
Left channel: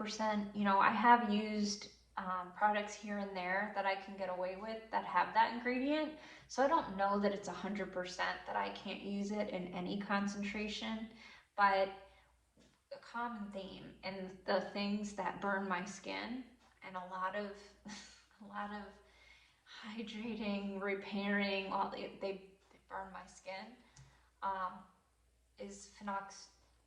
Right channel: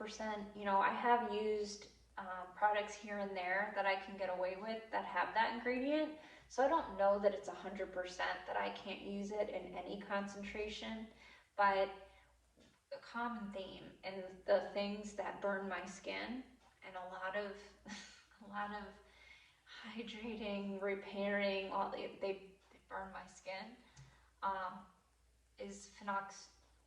I have used products here and there that I can get away with that have that ingredient. So I don't know that it's 100% that I can't use it in any concentration, but a common theme and the things that burn my skin and a lot of a lot of hydrating, repairing, all they burn my skin. Is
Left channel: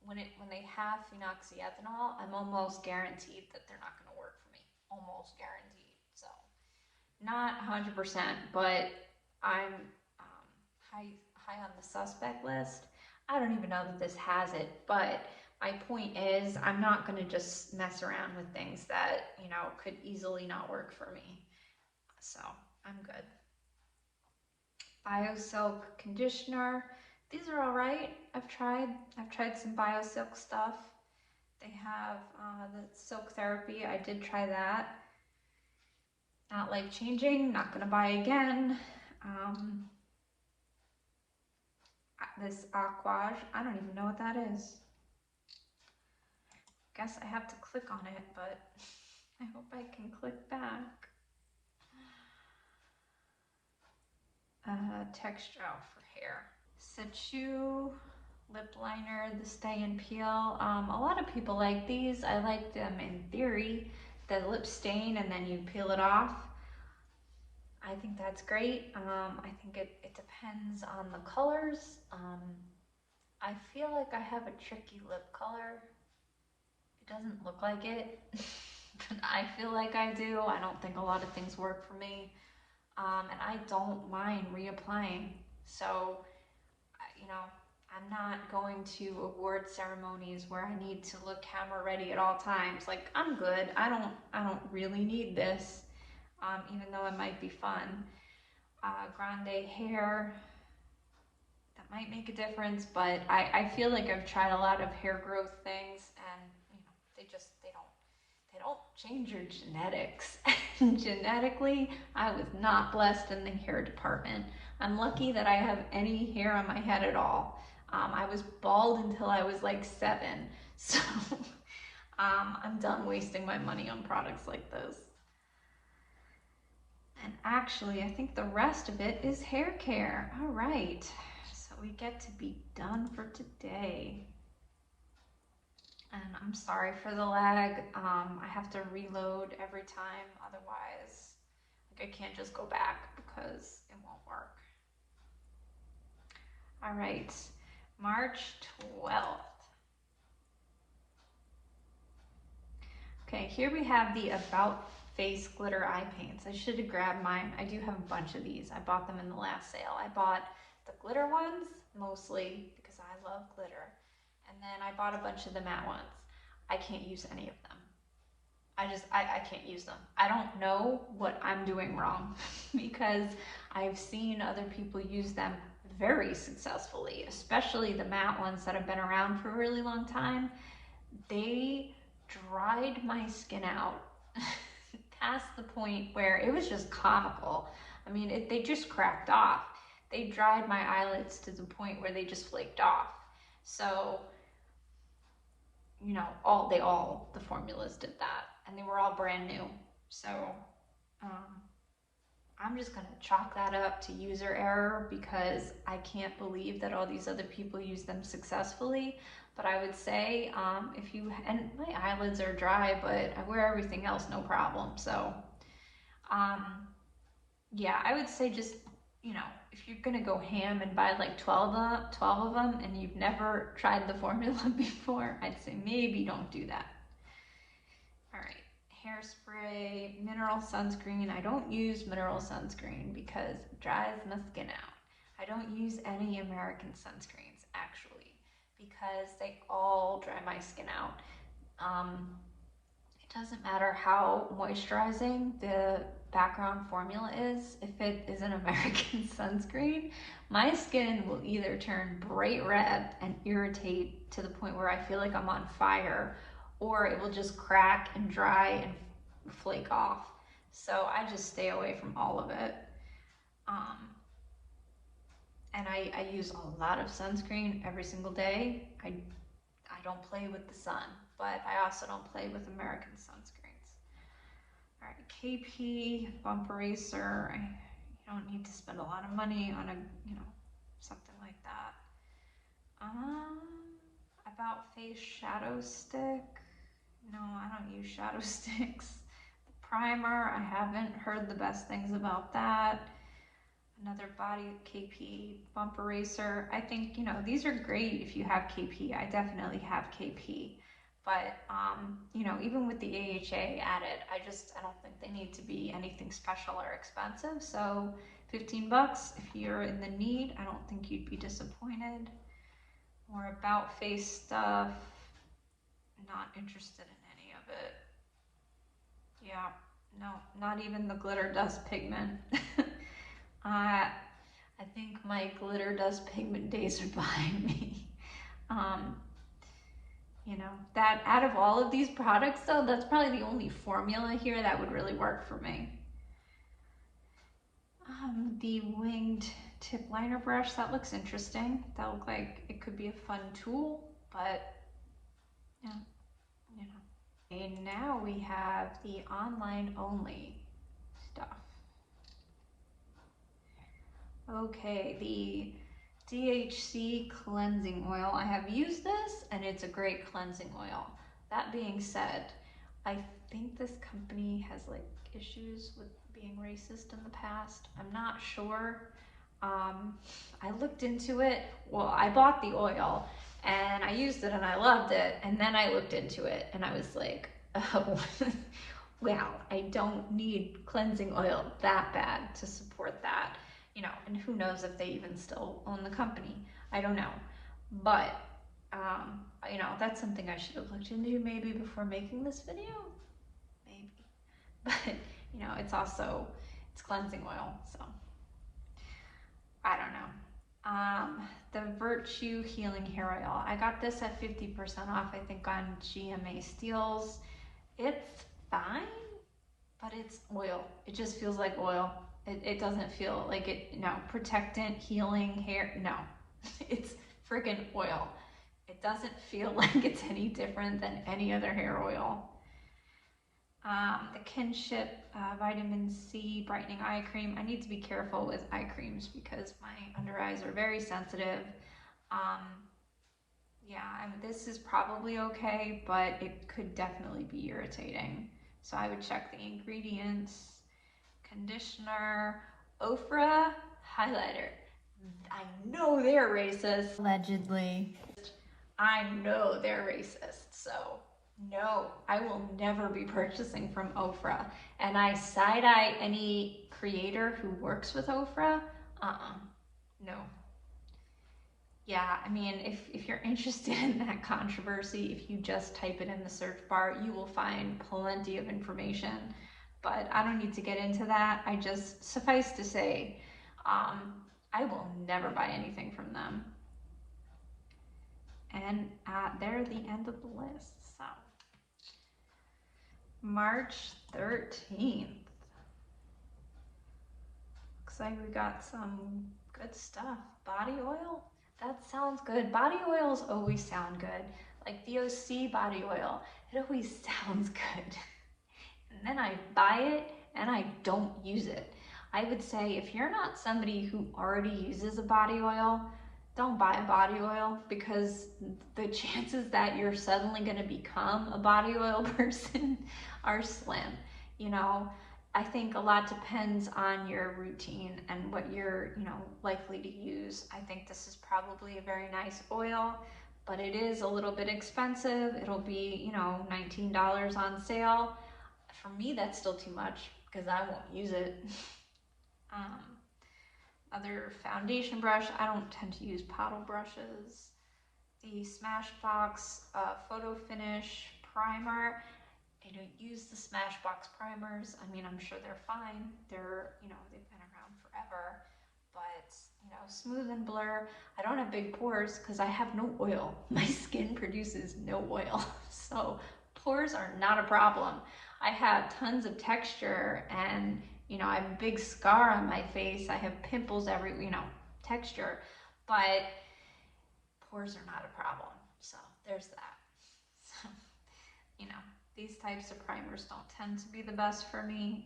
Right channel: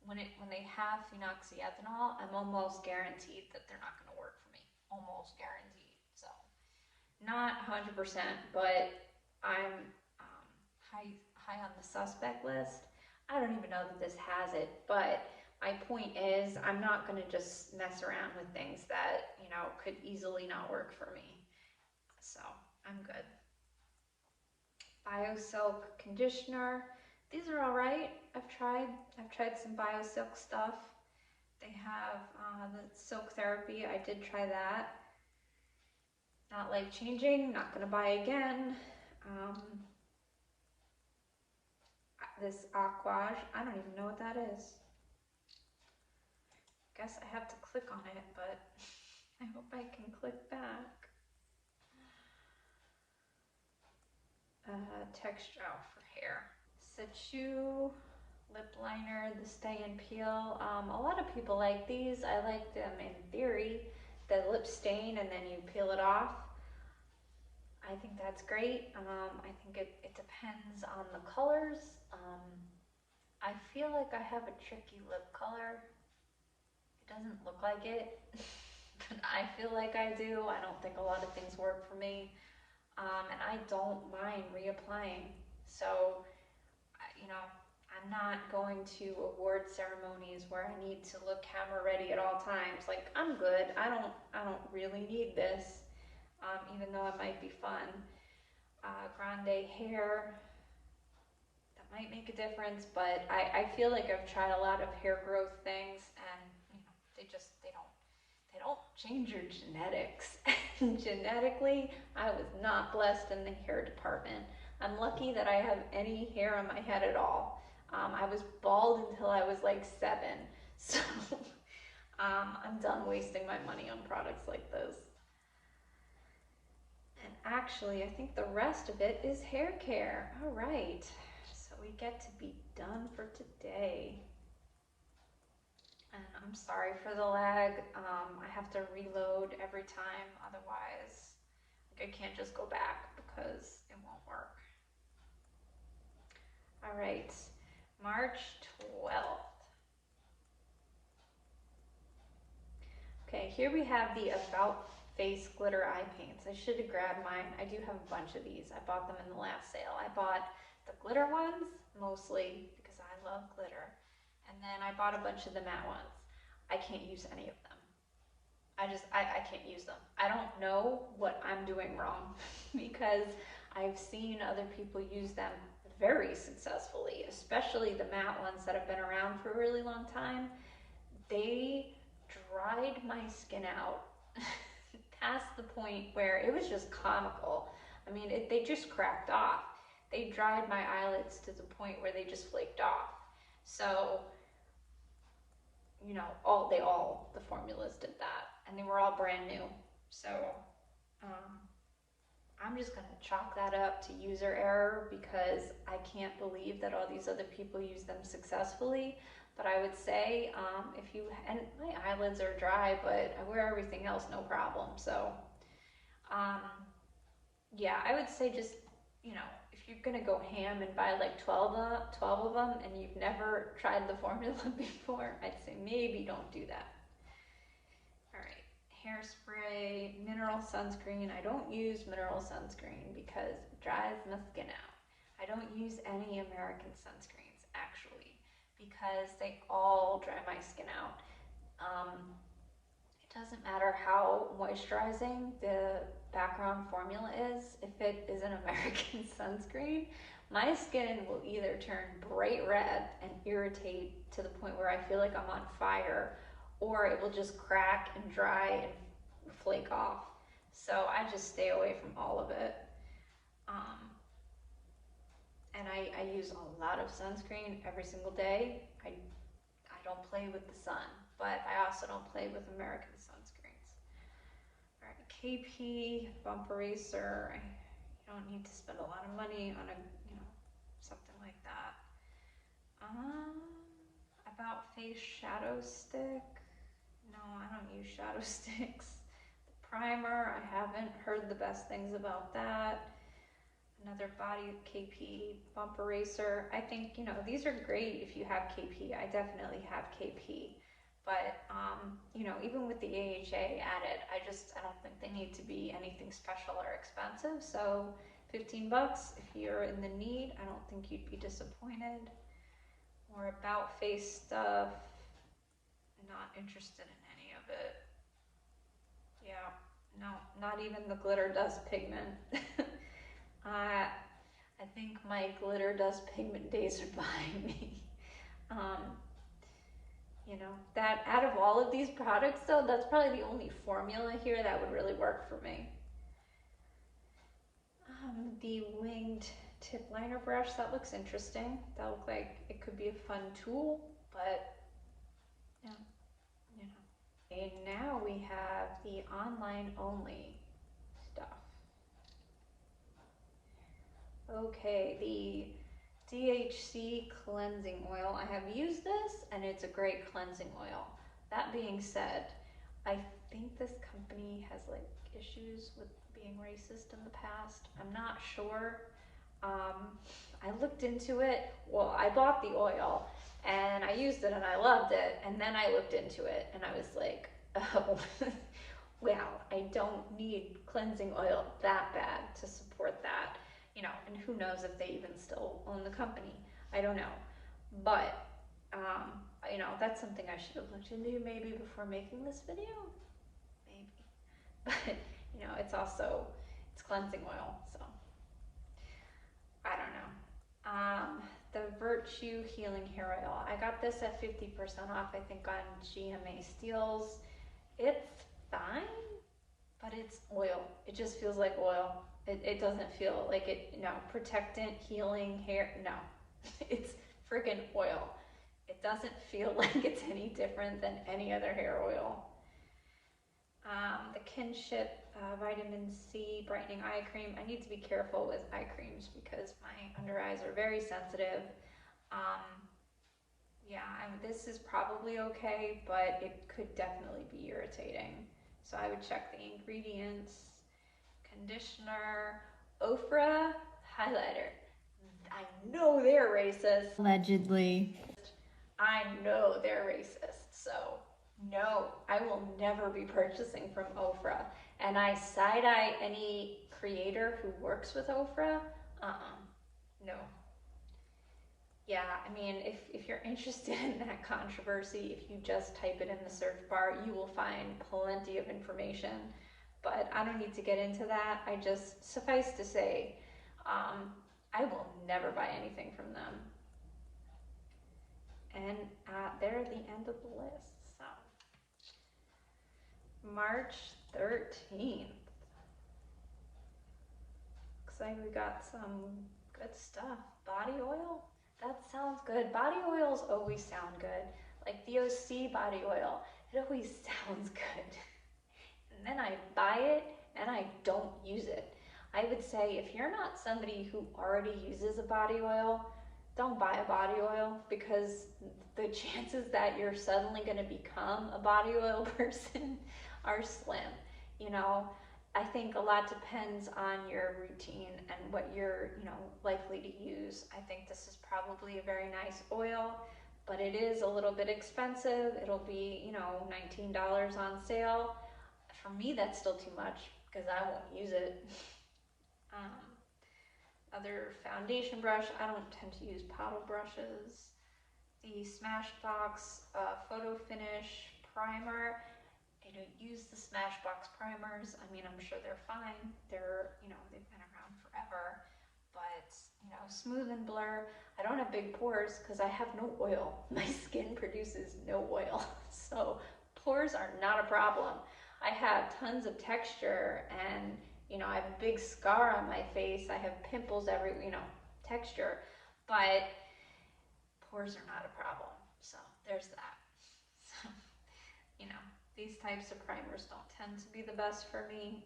when they have phenoxyethanol, I'm almost guaranteed that they're not going to work for me. Almost guaranteed. So not 100%, but I'm high on the suspect list. I don't even know that this has it, but my point is I'm not going to just mess around with things that could easily not work for me. So I'm good. BioSilk conditioner. These are all right. I've tried some BioSilk stuff. They have the Silk Therapy. I did try that. Not life changing. Not gonna buy again. This Aquage. I don't even know what that is. Guess I have to click on it, but I hope I can click back. Texture for hair. Situ lip liner, the Stay and Peel. A lot of people like these. I like them in theory. The lip stain and then you peel it off. I think that's great. I think it depends on the colors. I feel like I have a tricky lip color. It doesn't look like it, but I feel like I do. I don't think a lot of things work for me. And I don't mind reapplying. So, you know, I'm not going to award ceremonies where I need to look camera ready at all times. Like, I'm good. I don't really need this, even though it might be fun. Grande hair, that might make a difference, but I feel like I've tried a lot of hair growth things, and they don't change your genetics. Genetically, I was not blessed in the hair department. I'm lucky that I have any hair on my head at all. I was bald until I was like 7, so I'm done wasting my money on products like this. And actually, I think the rest of it is hair care. All right, so we get to be done for today. And I'm sorry for the lag. I have to reload every time, otherwise, like, I can't just go back because it won't work. All right, March 12th. Okay, here we have the About Face Glitter Eye Paints. I should have grabbed mine. I do have a bunch of these. I bought them in the last sale. I bought the glitter ones, mostly because I love glitter. And then I bought a bunch of the matte ones. I can't use any of them. I can't use them. I don't know what I'm doing wrong because I've seen other people use them very successfully, especially the matte ones that have been around for a really long time. They dried my skin out past the point where it was just comical. I mean, they just cracked off. They dried my eyelids to the point where they just flaked off. So, you know, the formulas did that, and they were all brand new. So, um, I'm just gonna chalk that up to user error because I can't believe that all these other people use them successfully. But I would say, if you, and my eyelids are dry, but I wear everything else no problem. So, um, yeah, I would say just, you know, if you're gonna go ham and buy like 12 of them and you've never tried the formula before, I'd say maybe don't do that. All right, hairspray, mineral sunscreen. I don't use mineral sunscreen because it dries my skin out. I don't use any American sunscreens actually because they all dry my skin out. It doesn't matter how moisturizing the background formula is, if it is an American sunscreen, my skin will either turn bright red and irritate to the point where I feel like I'm on fire, or it will just crack and dry and flake off. So I just stay away from all of it. Um, and I use a lot of sunscreen every single day. I don't play with the sun, but I also don't play with American sunscreens. All right, KP bump eraser. I don't need to spend a lot of money on something like that. About face shadow stick. No, I don't use shadow sticks. The primer, I haven't heard the best things about that. Another body KP bump eraser. I think, these are great if you have KP. I definitely have KP. But, even with the AHA added, I don't think they need to be anything special or expensive. So $15, if you're in the need, I don't think you'd be disappointed. More about face stuff. Not interested in any of it. Yeah, no, not even the glitter dust pigment. I think my glitter dust pigment days are behind me. That out of all of these products though, that's probably the only formula here that would really work for me. The winged tip liner brush, that looks interesting. That looks like it could be a fun tool, but Okay, now we have the online only stuff. Okay, the DHC cleansing oil. I have used this and it's a great cleansing oil. That being said, I think this company has like issues with being racist in the past. I'm not sure. I looked into it. Well, I bought the oil and I used it and I loved it. And then I looked into it and I was like, oh, wow, I don't need cleansing oil that bad to support that. You know, and who knows if they even still own the company. I don't know. But, you know, that's something I should have looked into maybe before making this video. Maybe. But, you know, it's cleansing oil, so I don't know. The Virtue Healing Hair Oil. I got this at 50% off, I think, on GMA Steals. It's fine, but it's oil. It just feels like oil. It doesn't feel like it, no, protectant, healing, hair, no. It's freaking oil. It doesn't feel like it's any different than any other hair oil. The Kinship Vitamin C Brightening Eye Cream. I need to be careful with eye creams because my under eyes are very sensitive. Um, yeah, this is probably okay, but it could definitely be irritating. So I would check the ingredients. Conditioner, Ofra highlighter. I know they're racist. Allegedly. I know they're racist. So no, I will never be purchasing from Ofra. And I side-eye any creator who works with Ofra. No. Yeah, I mean, if you're interested in that controversy, if you just type it in the search bar, you will find plenty of information. But I don't need to get into that. I just, suffice to say, I will never buy anything from them. And they're the end of the list. So, March 13th. Looks like we got some good stuff. Body oil? That sounds good. Body oils always sound good. Like the OC body oil, it always sounds good. And then I buy it and I don't use it. I would say if you're not somebody who already uses a body oil, don't buy a body oil because the chances that you're suddenly going to become a body oil person are slim. You know, I think a lot depends on your routine and what you're, you know, likely to use. I think this is probably a very nice oil, but it is a little bit expensive. It'll be, you know, $19 on sale. For me, that's still too much because I won't use it. Other foundation brush, I don't tend to use paddle brushes. The Smashbox Photo Finish Primer. I don't use the Smashbox primers. I mean, I'm sure they're fine. They're, you know, they've been around forever. But, you know, smooth and blur. I don't have big pores because I have no oil. My skin produces no oil. So pores are not a problem. I have tons of texture and, you know, I have a big scar on my face. I have pimples every, you know, texture. But pores are not a problem. So there's that. So, you know, these types of primers don't tend to be the best for me.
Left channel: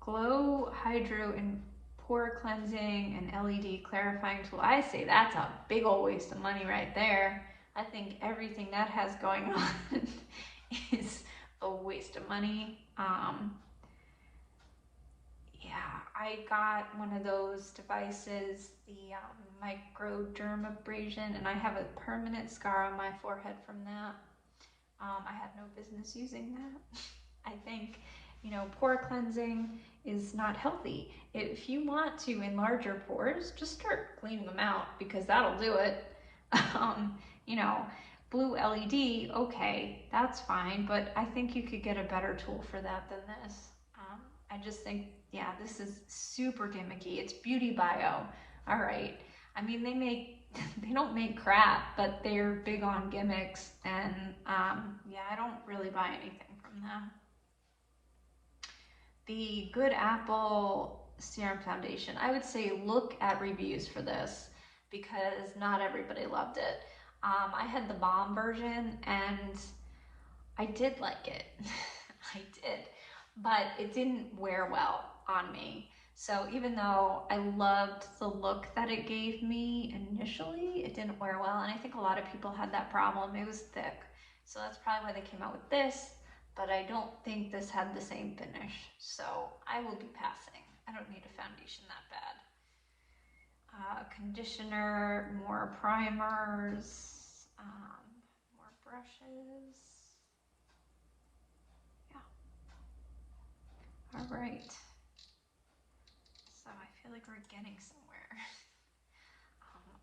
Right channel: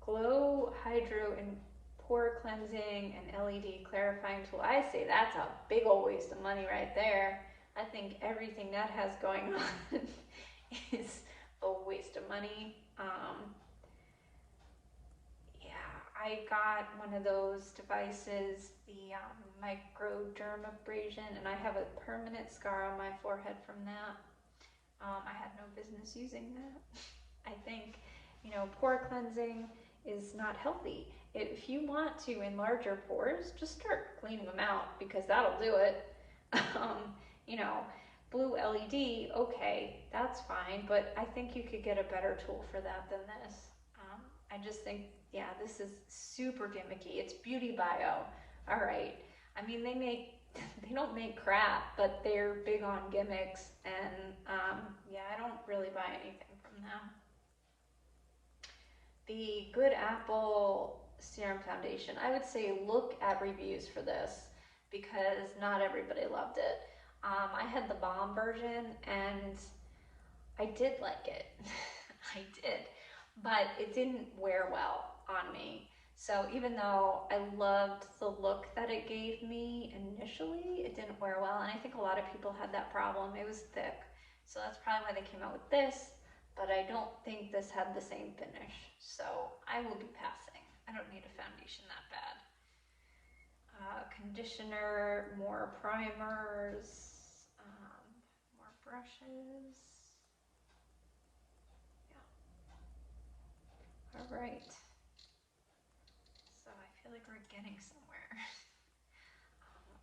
Glow Hydro and Pore Cleansing and LED Clarifying Tool. I say that's a big old waste of money right there. I think everything that has going on is a waste of money. Yeah, I got one of those devices, the microdermabrasion, and I have a permanent scar on my forehead from that. I had no business using that. I think, you know, pore cleansing is not healthy. If you want to enlarge your pores, just start cleaning them out because that'll do it. You know, blue LED, okay, that's fine, but I think you could get a better tool for that than this. I just think, yeah, this is super gimmicky. It's Beauty Bio, all right. I mean, they don't make crap, but they're big on gimmicks, and yeah, I don't really buy anything from them. The Good Apple Serum Foundation, I would say look at reviews for this because not everybody loved it. I had the bomb version and I did like it. I did, but it didn't wear well on me. So even though I loved the look that it gave me initially, it didn't wear well, and I think a lot of people had that problem. It was thick. So that's probably why they came out with this. but I don't think this had the same finish, so I will be passing. I don't need a foundation that bad. Conditioner, more primers, more brushes. Yeah. All right. So I feel like we're getting somewhere.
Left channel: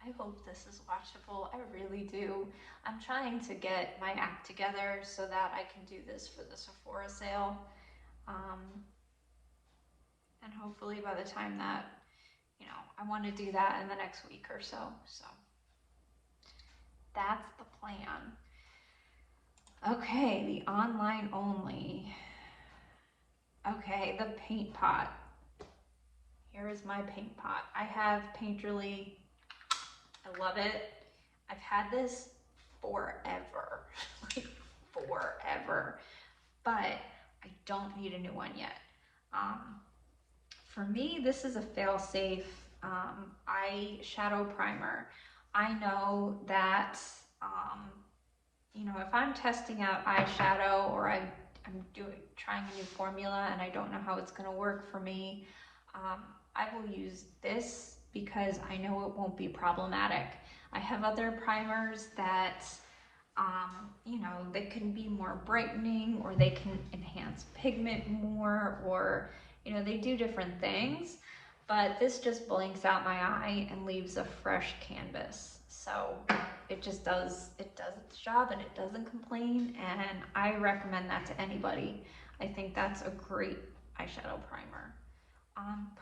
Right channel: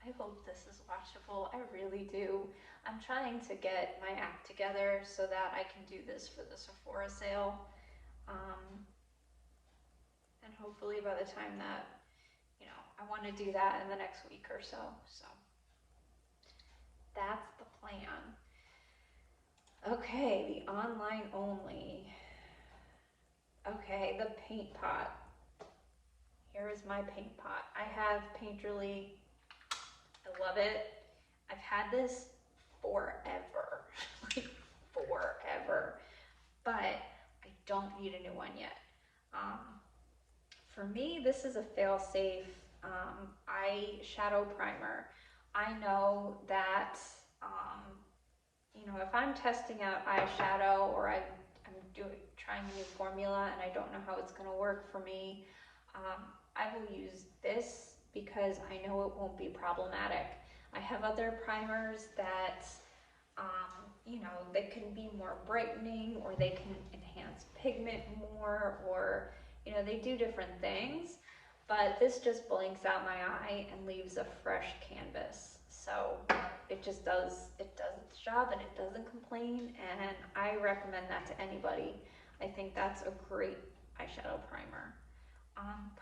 I hope this is watchable. I really do. I'm trying to get my act together so that I can do this for the Sephora sale. And hopefully by the time that, you know, I want to do that in the next week or so. So that's the plan. Okay, the online only. Okay, the paint pot. Here is my paint pot. I have Painterly. I love it. I've had this forever, like forever, but I don't need a new one yet. For me, this is a fail-safe eyeshadow primer. I know that, you know, if I'm testing out eyeshadow or I'm trying a new formula and I don't know how it's going to work for me, I will use this because I know it won't be problematic. I have other primers that, you know, they can be more brightening or they can enhance pigment more, or, you know, they do different things, but this just blanks out my eye and leaves a fresh canvas. So it just does its job and it doesn't complain, and I recommend that to anybody. I think that's a great eyeshadow primer.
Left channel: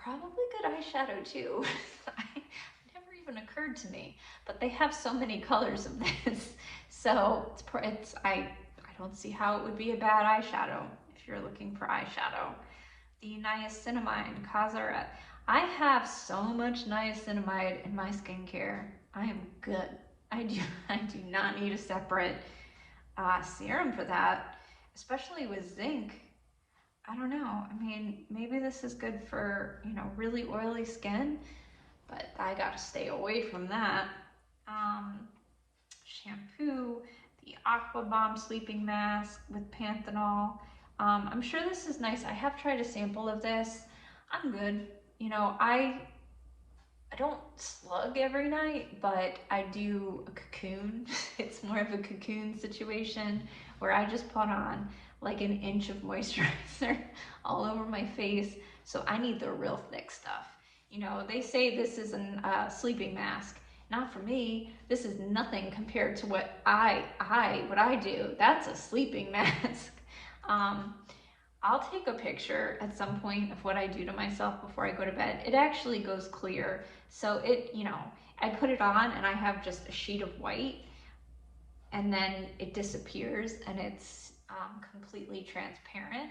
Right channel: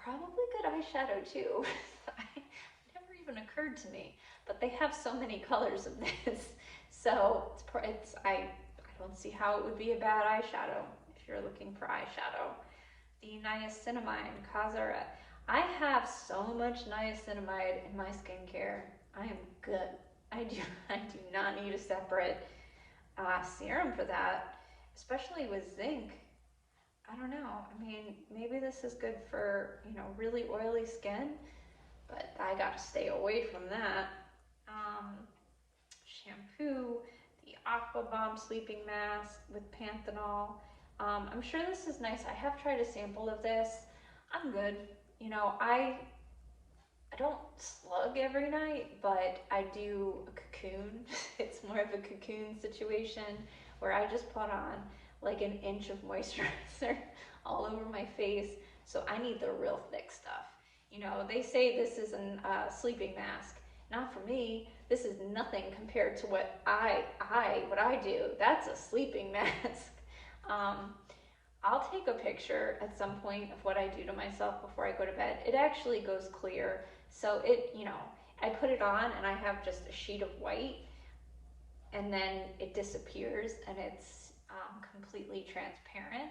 Probably good eyeshadow too. It never even occurred to me, but they have so many colors of this, so I don't see how it would be a bad eyeshadow if you're looking for eyeshadow. The niacinamide Kazara. I have so much niacinamide in my skincare. I am good. I do not need a separate serum for that, especially with zinc. I don't know. I mean, maybe this is good for, you know, really oily skin, but I got to stay away from that. Shampoo, the Aqua Bomb sleeping mask with panthenol. I'm sure this is nice. I have tried a sample of this. I'm good. You know, I don't slug every night, but I do a cocoon. It's more of a cocoon situation where I just put on like an inch of moisturizer all over my face. So I need the real thick stuff. You know, they say this is a sleeping mask. Not for me. This is nothing compared to what I do. That's a sleeping mask. I'll take a picture at some point of what I do to myself before I go to bed. It actually goes clear. So it, you know, I put it on and I have just a sheet of white, and then it disappears and it's completely transparent.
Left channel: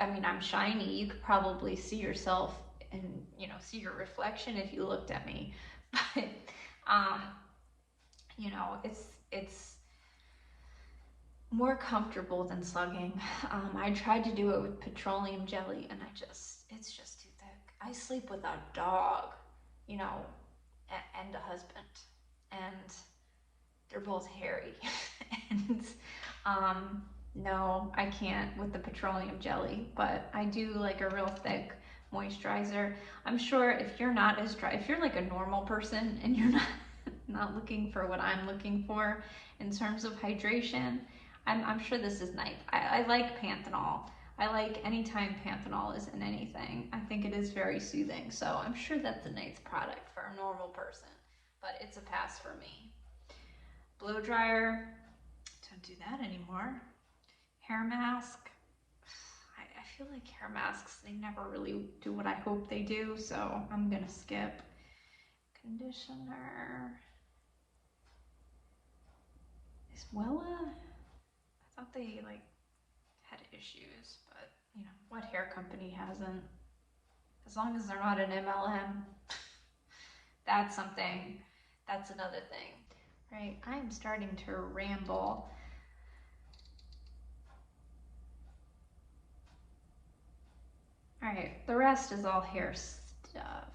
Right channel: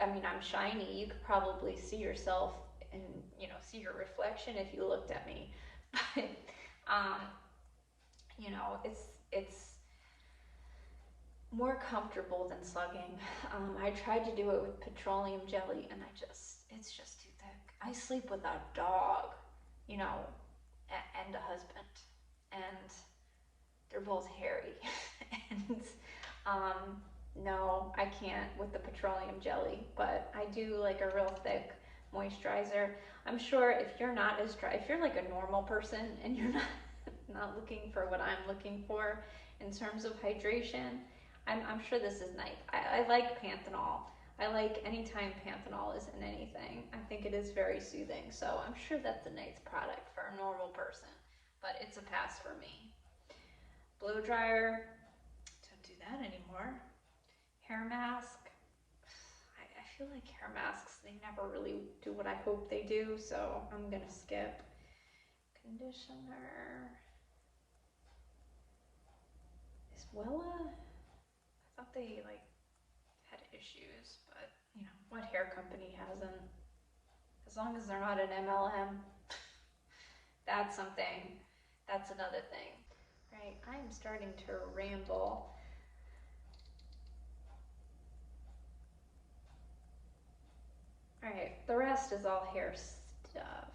I mean, I'm shiny. You could probably see yourself and, you know, see your reflection if you looked at me. But, you know, it's more comfortable than slugging. I tried to do it with petroleum jelly and it's just too thick. I sleep with a dog, you know, and a husband, and they're both hairy. And no, I can't with the petroleum jelly, but I do like a real thick moisturizer. I'm sure if you're not as dry, if you're like a normal person and you're not looking for what I'm looking for in terms of hydration, I'm sure this is nice. I like panthenol. I like anytime panthenol is in anything. I think it is very soothing. So I'm sure that's a nice product for a normal person, but it's a pass for me. Blow dryer, don't do that anymore. Hair mask. I feel like hair masks, they never really do what I hope they do, so I'm gonna skip. Conditioner. Is Wella? I thought they like had issues, but you know, what hair company hasn't? As long as they're not an MLM, that's something, that's another thing. Right, I'm starting to ramble. All right, the rest is all hair stuff.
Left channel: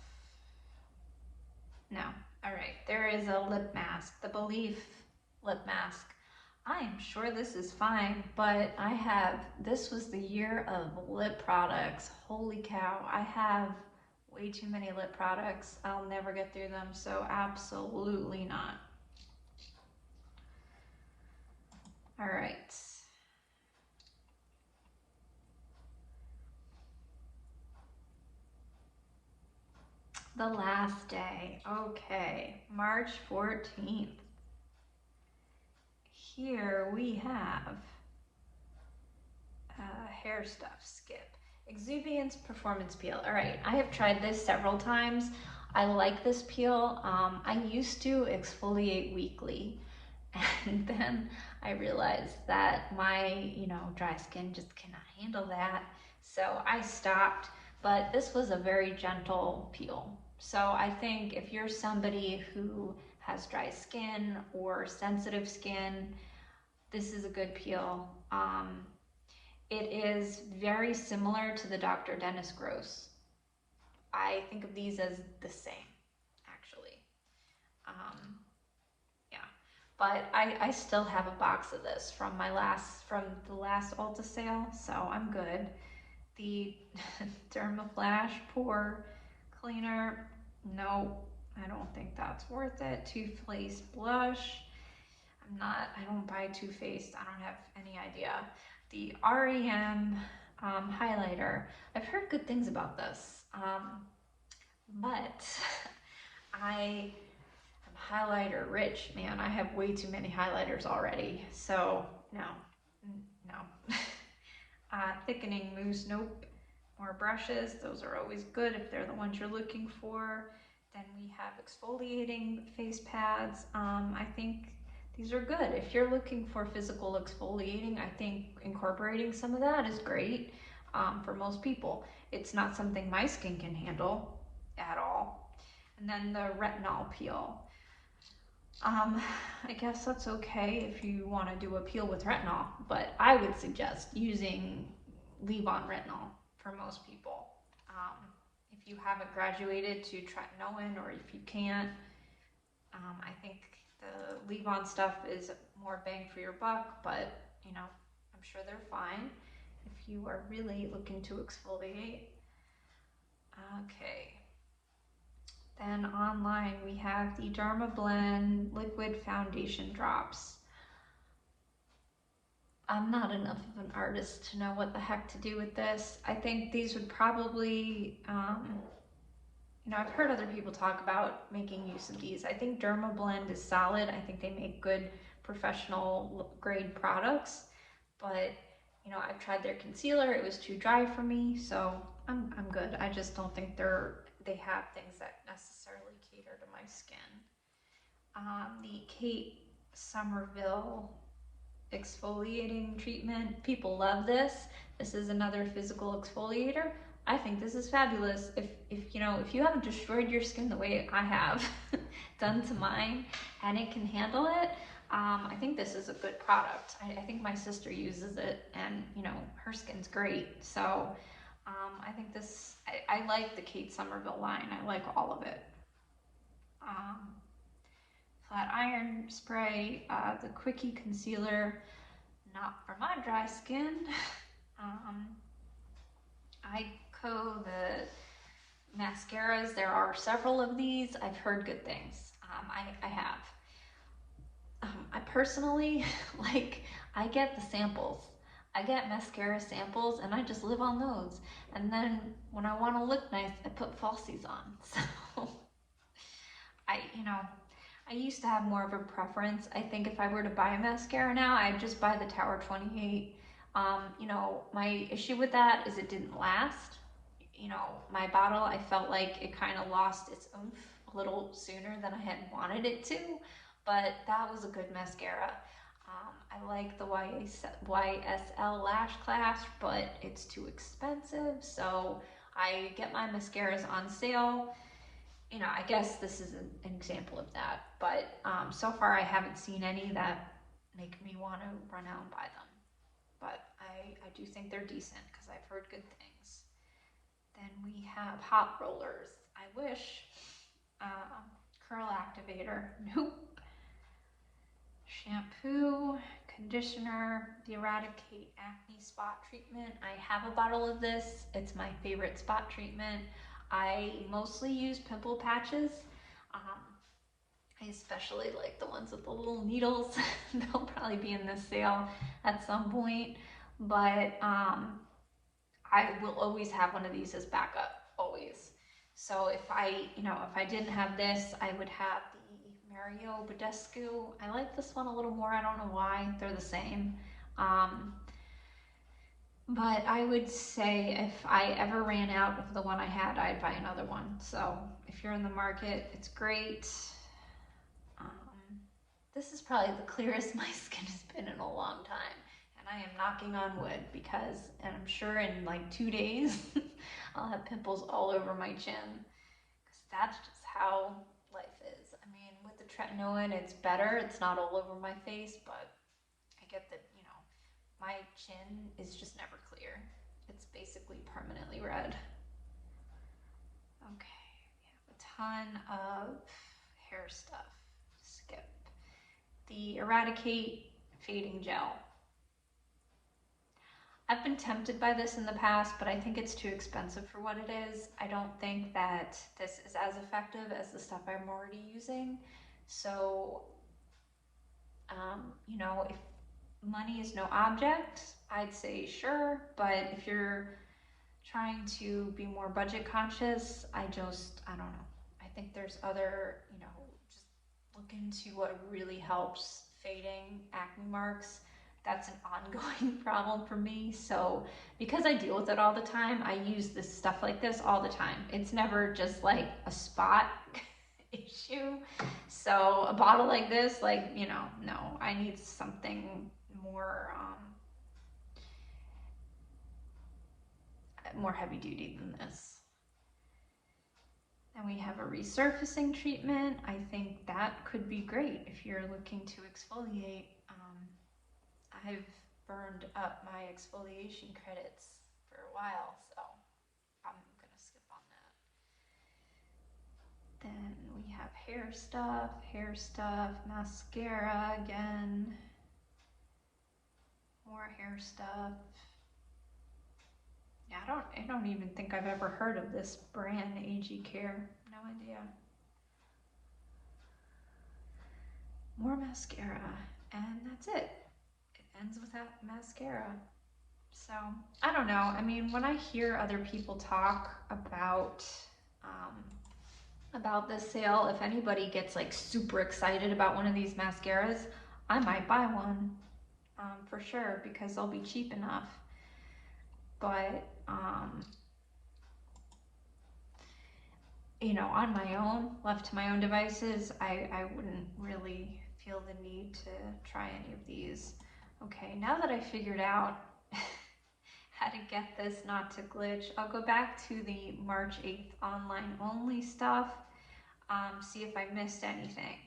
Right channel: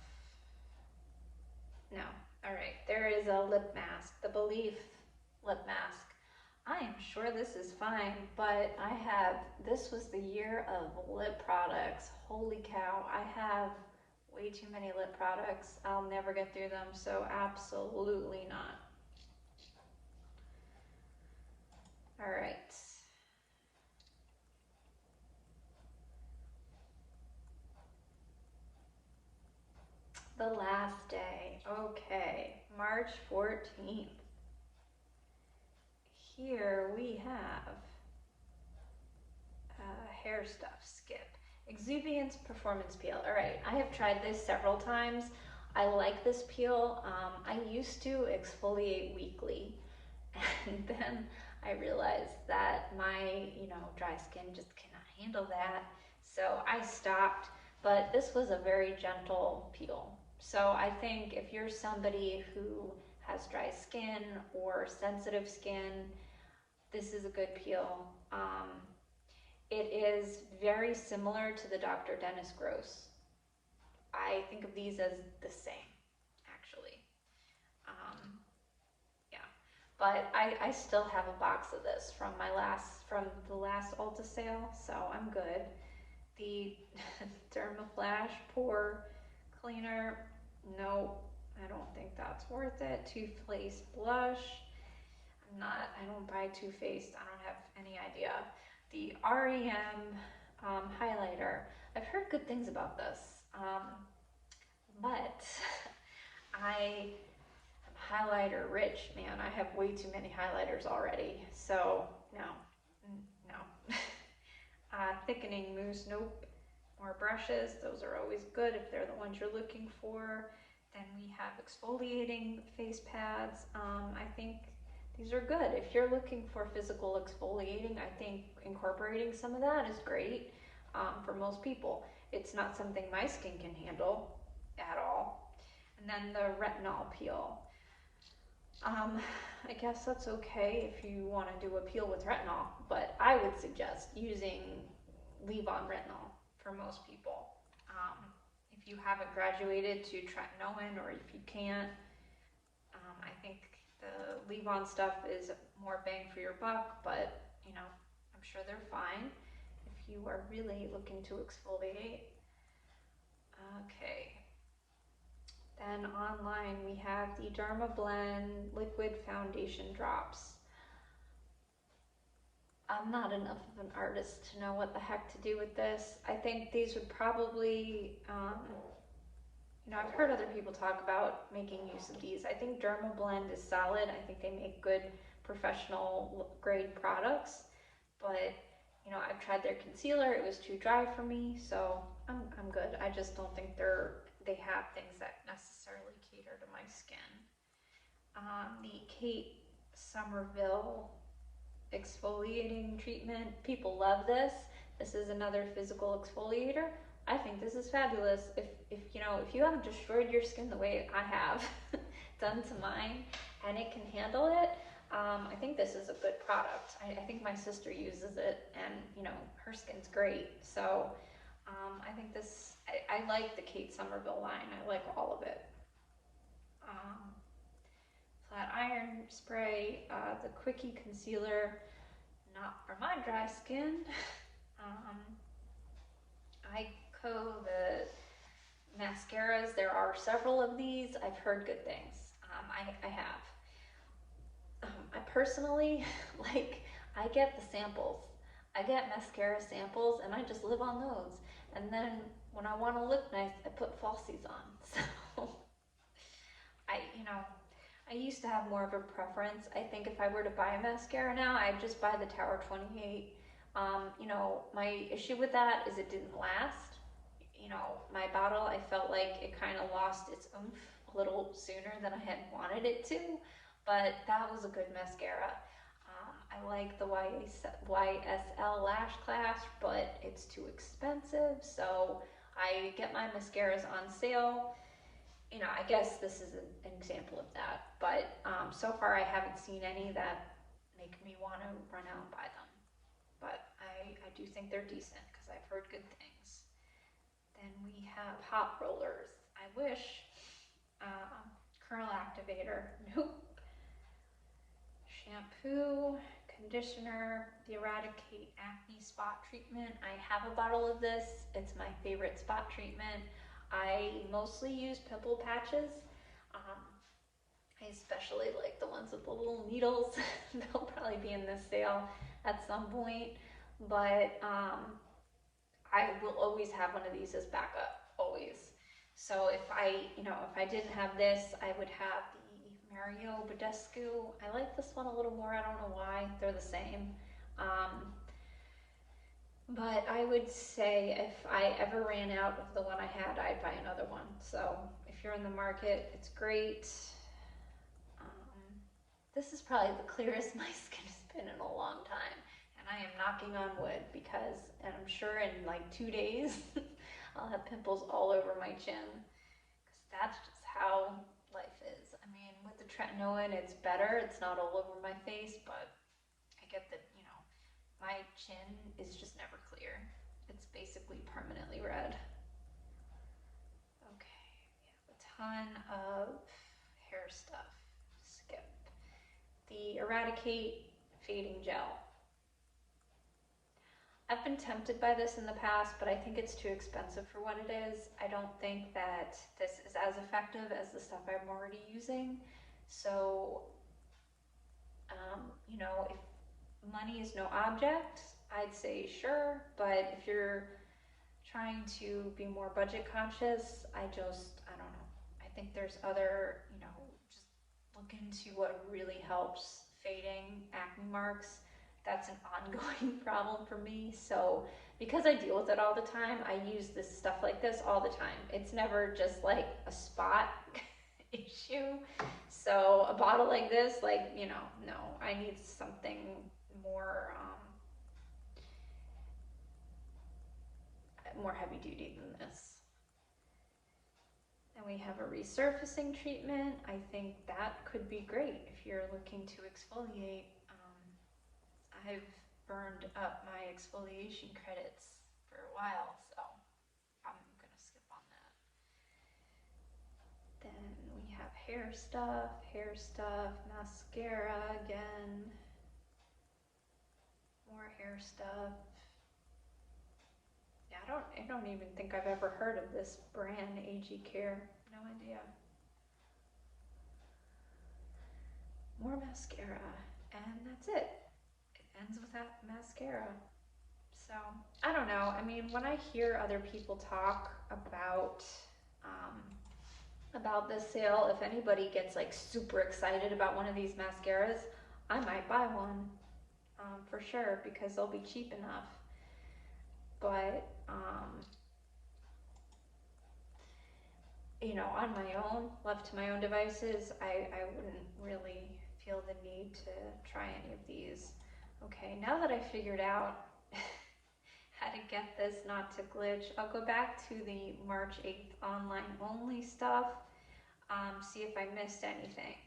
No, all right, there is a lip mask, the Belief lip mask. I am sure this is fine, but this was the year of lip products. Holy cow, I have way too many lip products. I'll never get through them, so absolutely not. All right. The last day. Okay, March 14th. Here we have hair stuff, skip. Exuviance Performance Peel. All right, I have tried this several times. I like this peel. I used to exfoliate weekly, and then I realized that my, dry skin just cannot handle that. So I stopped, but this was a very gentle peel. So I think if you're somebody who has dry skin or sensitive skin, this is a good peel. It is very similar to the Dr. Dennis Gross. I think of these as the same, actually. Um, yeah, but I still have a box of this from the last Ulta sale, so I'm good. The Dermaflash Pore Cleaner, no, I don't think that's worth it. Too Faced Blush, I don't buy Too Faced, I don't have any idea. The REM highlighter, I've heard good things about this, but I am highlighter rich, man. I have way too many highlighters already, so no, no. Thickening mousse, nope. More brushes, those are always good if they're the ones you're looking for. Then we have exfoliating face pads. I think these are good. If you're looking for physical exfoliating, I think incorporating some of that is great for most people. It's not something my skin can handle at all. And then the retinol peel. I guess that's okay if you want to do a peel with retinol, but I would suggest using leave-on retinol for most people. Um, if you haven't graduated to tretinoin, or if you can't, I think the leave-on stuff is more bang for your buck, but I'm sure they're fine if you are really looking to exfoliate. Okay. Then online we have the Dermablend Liquid Foundation Drops. I'm not enough of an artist to know what the heck to do with this. I think these would probably, I've heard other people talk about making use of these. I think Dermablend is solid. I think they make good professional grade products, but I've tried their concealer. It was too dry for me, so I'm good. I just don't think they have things that necessarily cater to my skin. The Kate Somerville exfoliating treatment. People love this. This is another physical exfoliator. I think this is fabulous. If you haven't destroyed your skin the way I have done to mine, and it can handle it, I think this is a good product. I think my sister uses it, and her skin's great. So I think this. I like the Kate Somerville line. I like all of it. Um, Flat iron spray, the Quickie concealer, not for my dry skin. Ico, the mascaras, there are several of these. I've heard good things. I have. I personally, I get the samples. I get mascara samples and I just live on those. And then when I want to look nice, I put falsies on. So I used to have more of a preference. I think if I were to buy a mascara now, I'd just buy the Tower 28. My issue with that is it didn't last. My bottle, I felt like it kind of lost its oomph a little sooner than I had wanted it to, but that was a good mascara. I like the YSL Lash Clash, but it's too expensive, so I get my mascaras on sale. I guess this is an example of that, but so far I haven't seen any that make me want to run out and buy them. But I do think they're decent because I've heard good things. Then we have hot rollers. I wish. Curl activator. Nope. Shampoo, conditioner, the Eradicate Acne Spot Treatment. I have a bottle of this. It's my favorite spot treatment. I mostly use pimple patches. Um, I especially like the ones with the little needles. They'll probably be in this sale at some point. But I will always have one of these as backup, always. So if I didn't have this, I would have the Mario Badescu. I like this one a little more. I don't know why. They're the same. But I would say if I ever ran out of the one I had, I'd buy another one. So if you're in the market, it's great. This is probably the clearest my skin has been in a long time. And I am knocking on wood because, and I'm sure in like 2 days, I'll have pimples all over my chin. Because that's just how life is. I mean, with the tretinoin, it's better. It's not all over my face, but I get that, my chin is just never clear. It's basically permanently red. Okay, we have a ton of hair stuff. Skip. The Eradicate Fading Gel. I've been tempted by this in the past, but I think it's too expensive for what it is. I don't think that this is as effective as the stuff I'm already using. So, if money is no object, I'd say sure, but if you're trying to be more budget conscious, I don't know. I think there's other, just look into what really helps fading acne marks. That's an ongoing problem for me. So because I deal with it all the time, I use this stuff like this all the time. It's never just like a spot issue. So a bottle like this, no, I need something more more heavy duty than this. And we have a resurfacing treatment. I think that could be great if you're looking to exfoliate. I've burned up my exfoliation credits for a while, so I'm gonna skip on that. Then we have hair stuff, mascara again, more hair stuff. Yeah, I don't even think I've ever heard of this brand, AG Care. No idea. More mascara, and that's it. It ends without mascara. So, I don't know. I mean, when I hear other people talk about this sale, if anybody gets like super excited about one of these mascaras, I might buy one for sure because they'll be cheap enough. But on my own, left to my own devices, I wouldn't really feel the need to try any of these. Okay, now that I figured out how to get this not to glitch, I'll go back to the March 8th online only stuff, see if I missed anything.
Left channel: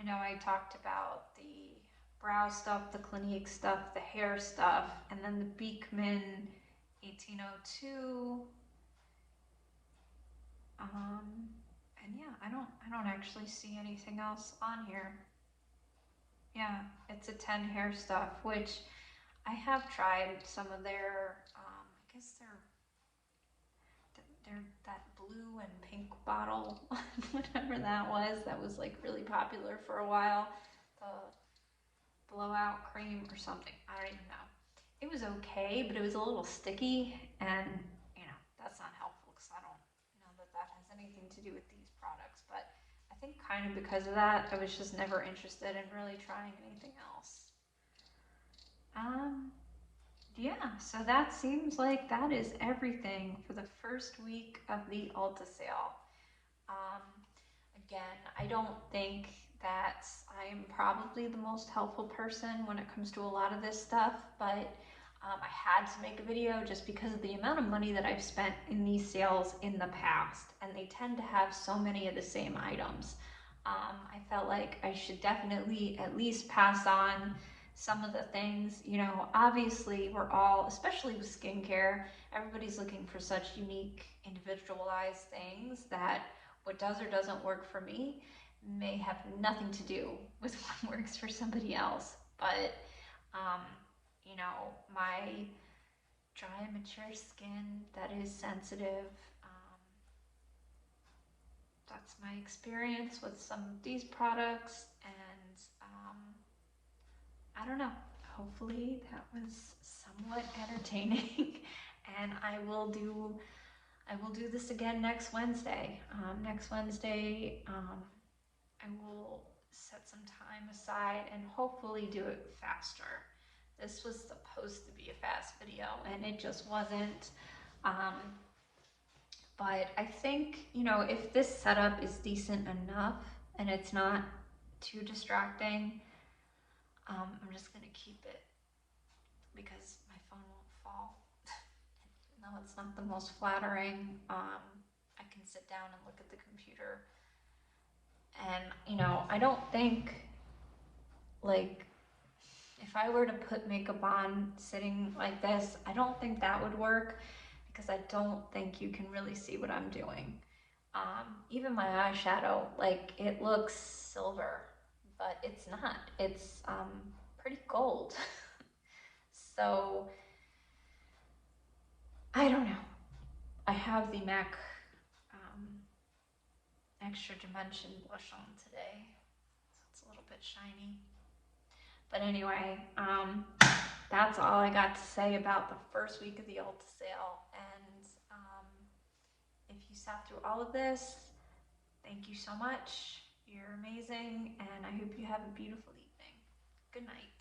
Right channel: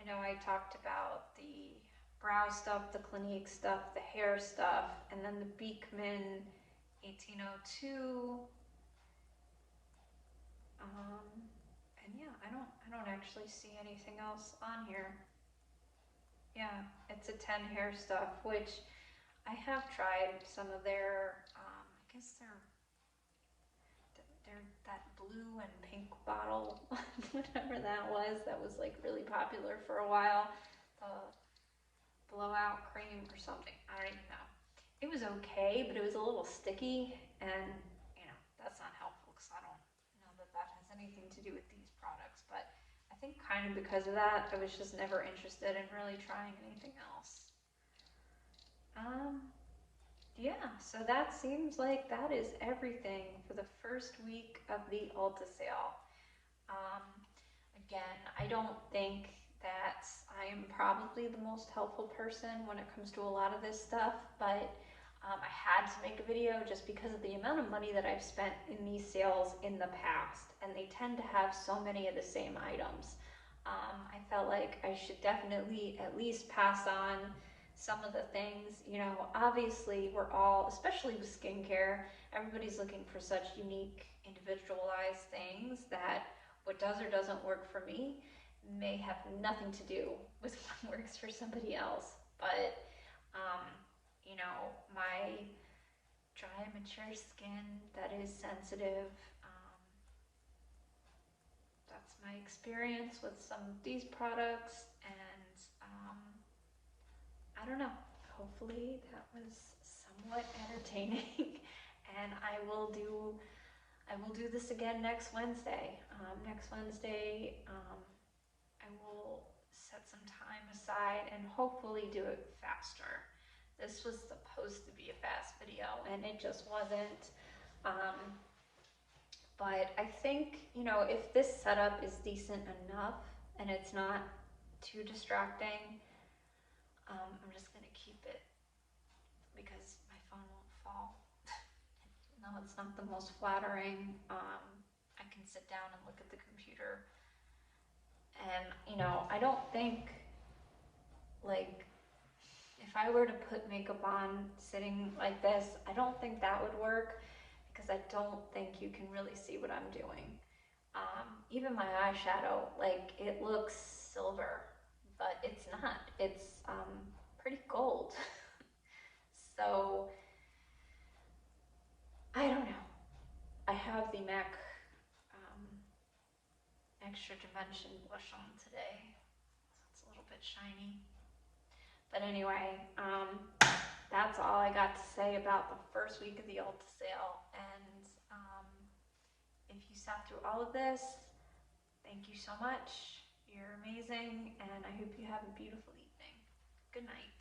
I know I talked about the brow stuff, the Clinique stuff, the hair stuff, and then the Beekman 1802. And yeah, I don't actually see anything else on here. Yeah, it's a 10 hair stuff, which I have tried some of their, I guess they're that blue and pink bottle, whatever that was like really popular for a while. The blowout cream or something, I don't even know. It was okay, but it was a little sticky, and that's not helpful because I don't know that has anything to do with these products. But I think kind of because of that, I was just never interested in really trying anything else. Yeah, so that seems like that is everything for the first week of the Ulta sale. Again, I don't think that I am probably the most helpful person when it comes to a lot of this stuff, but I had to make a video just because of the amount of money that I've spent in these sales in the past, and they tend to have so many of the same items. I felt like I should definitely at least pass on some of the things. Obviously we're all, especially with skincare, everybody's looking for such unique, individualized things that what does or doesn't work for me may have nothing to do with what works for somebody else. But Um, you know, my dry, mature skin that is sensitive, um, that's my experience with some of these products, and I don't know. Hopefully that was somewhat entertaining, and I will do this again next Wednesday. Next Wednesday, I will set some time aside and hopefully do it faster. This was supposed to be a fast video, and it just wasn't. Um, but I think, you know, if this setup is decent enough and it's not too distracting, I'm just gonna keep it because my phone won't fall. No, it's not the most flattering. I can sit down and look at the computer, and you know, I don't think, like, if I were to put makeup on sitting like this, I don't think that would work because I don't think you can really see what I'm doing. Even my eyeshadow, like, it looks silver, but it's not. It's pretty gold. So I don't know. I have the MAC um, Extra Dimension blush on today, so it's a little bit shiny. But anyway, that's all I got to say about the first week of the Ulta sale. And if you sat through all of this, thank you so much. You're amazing, and I hope you have a beautiful evening. Good night.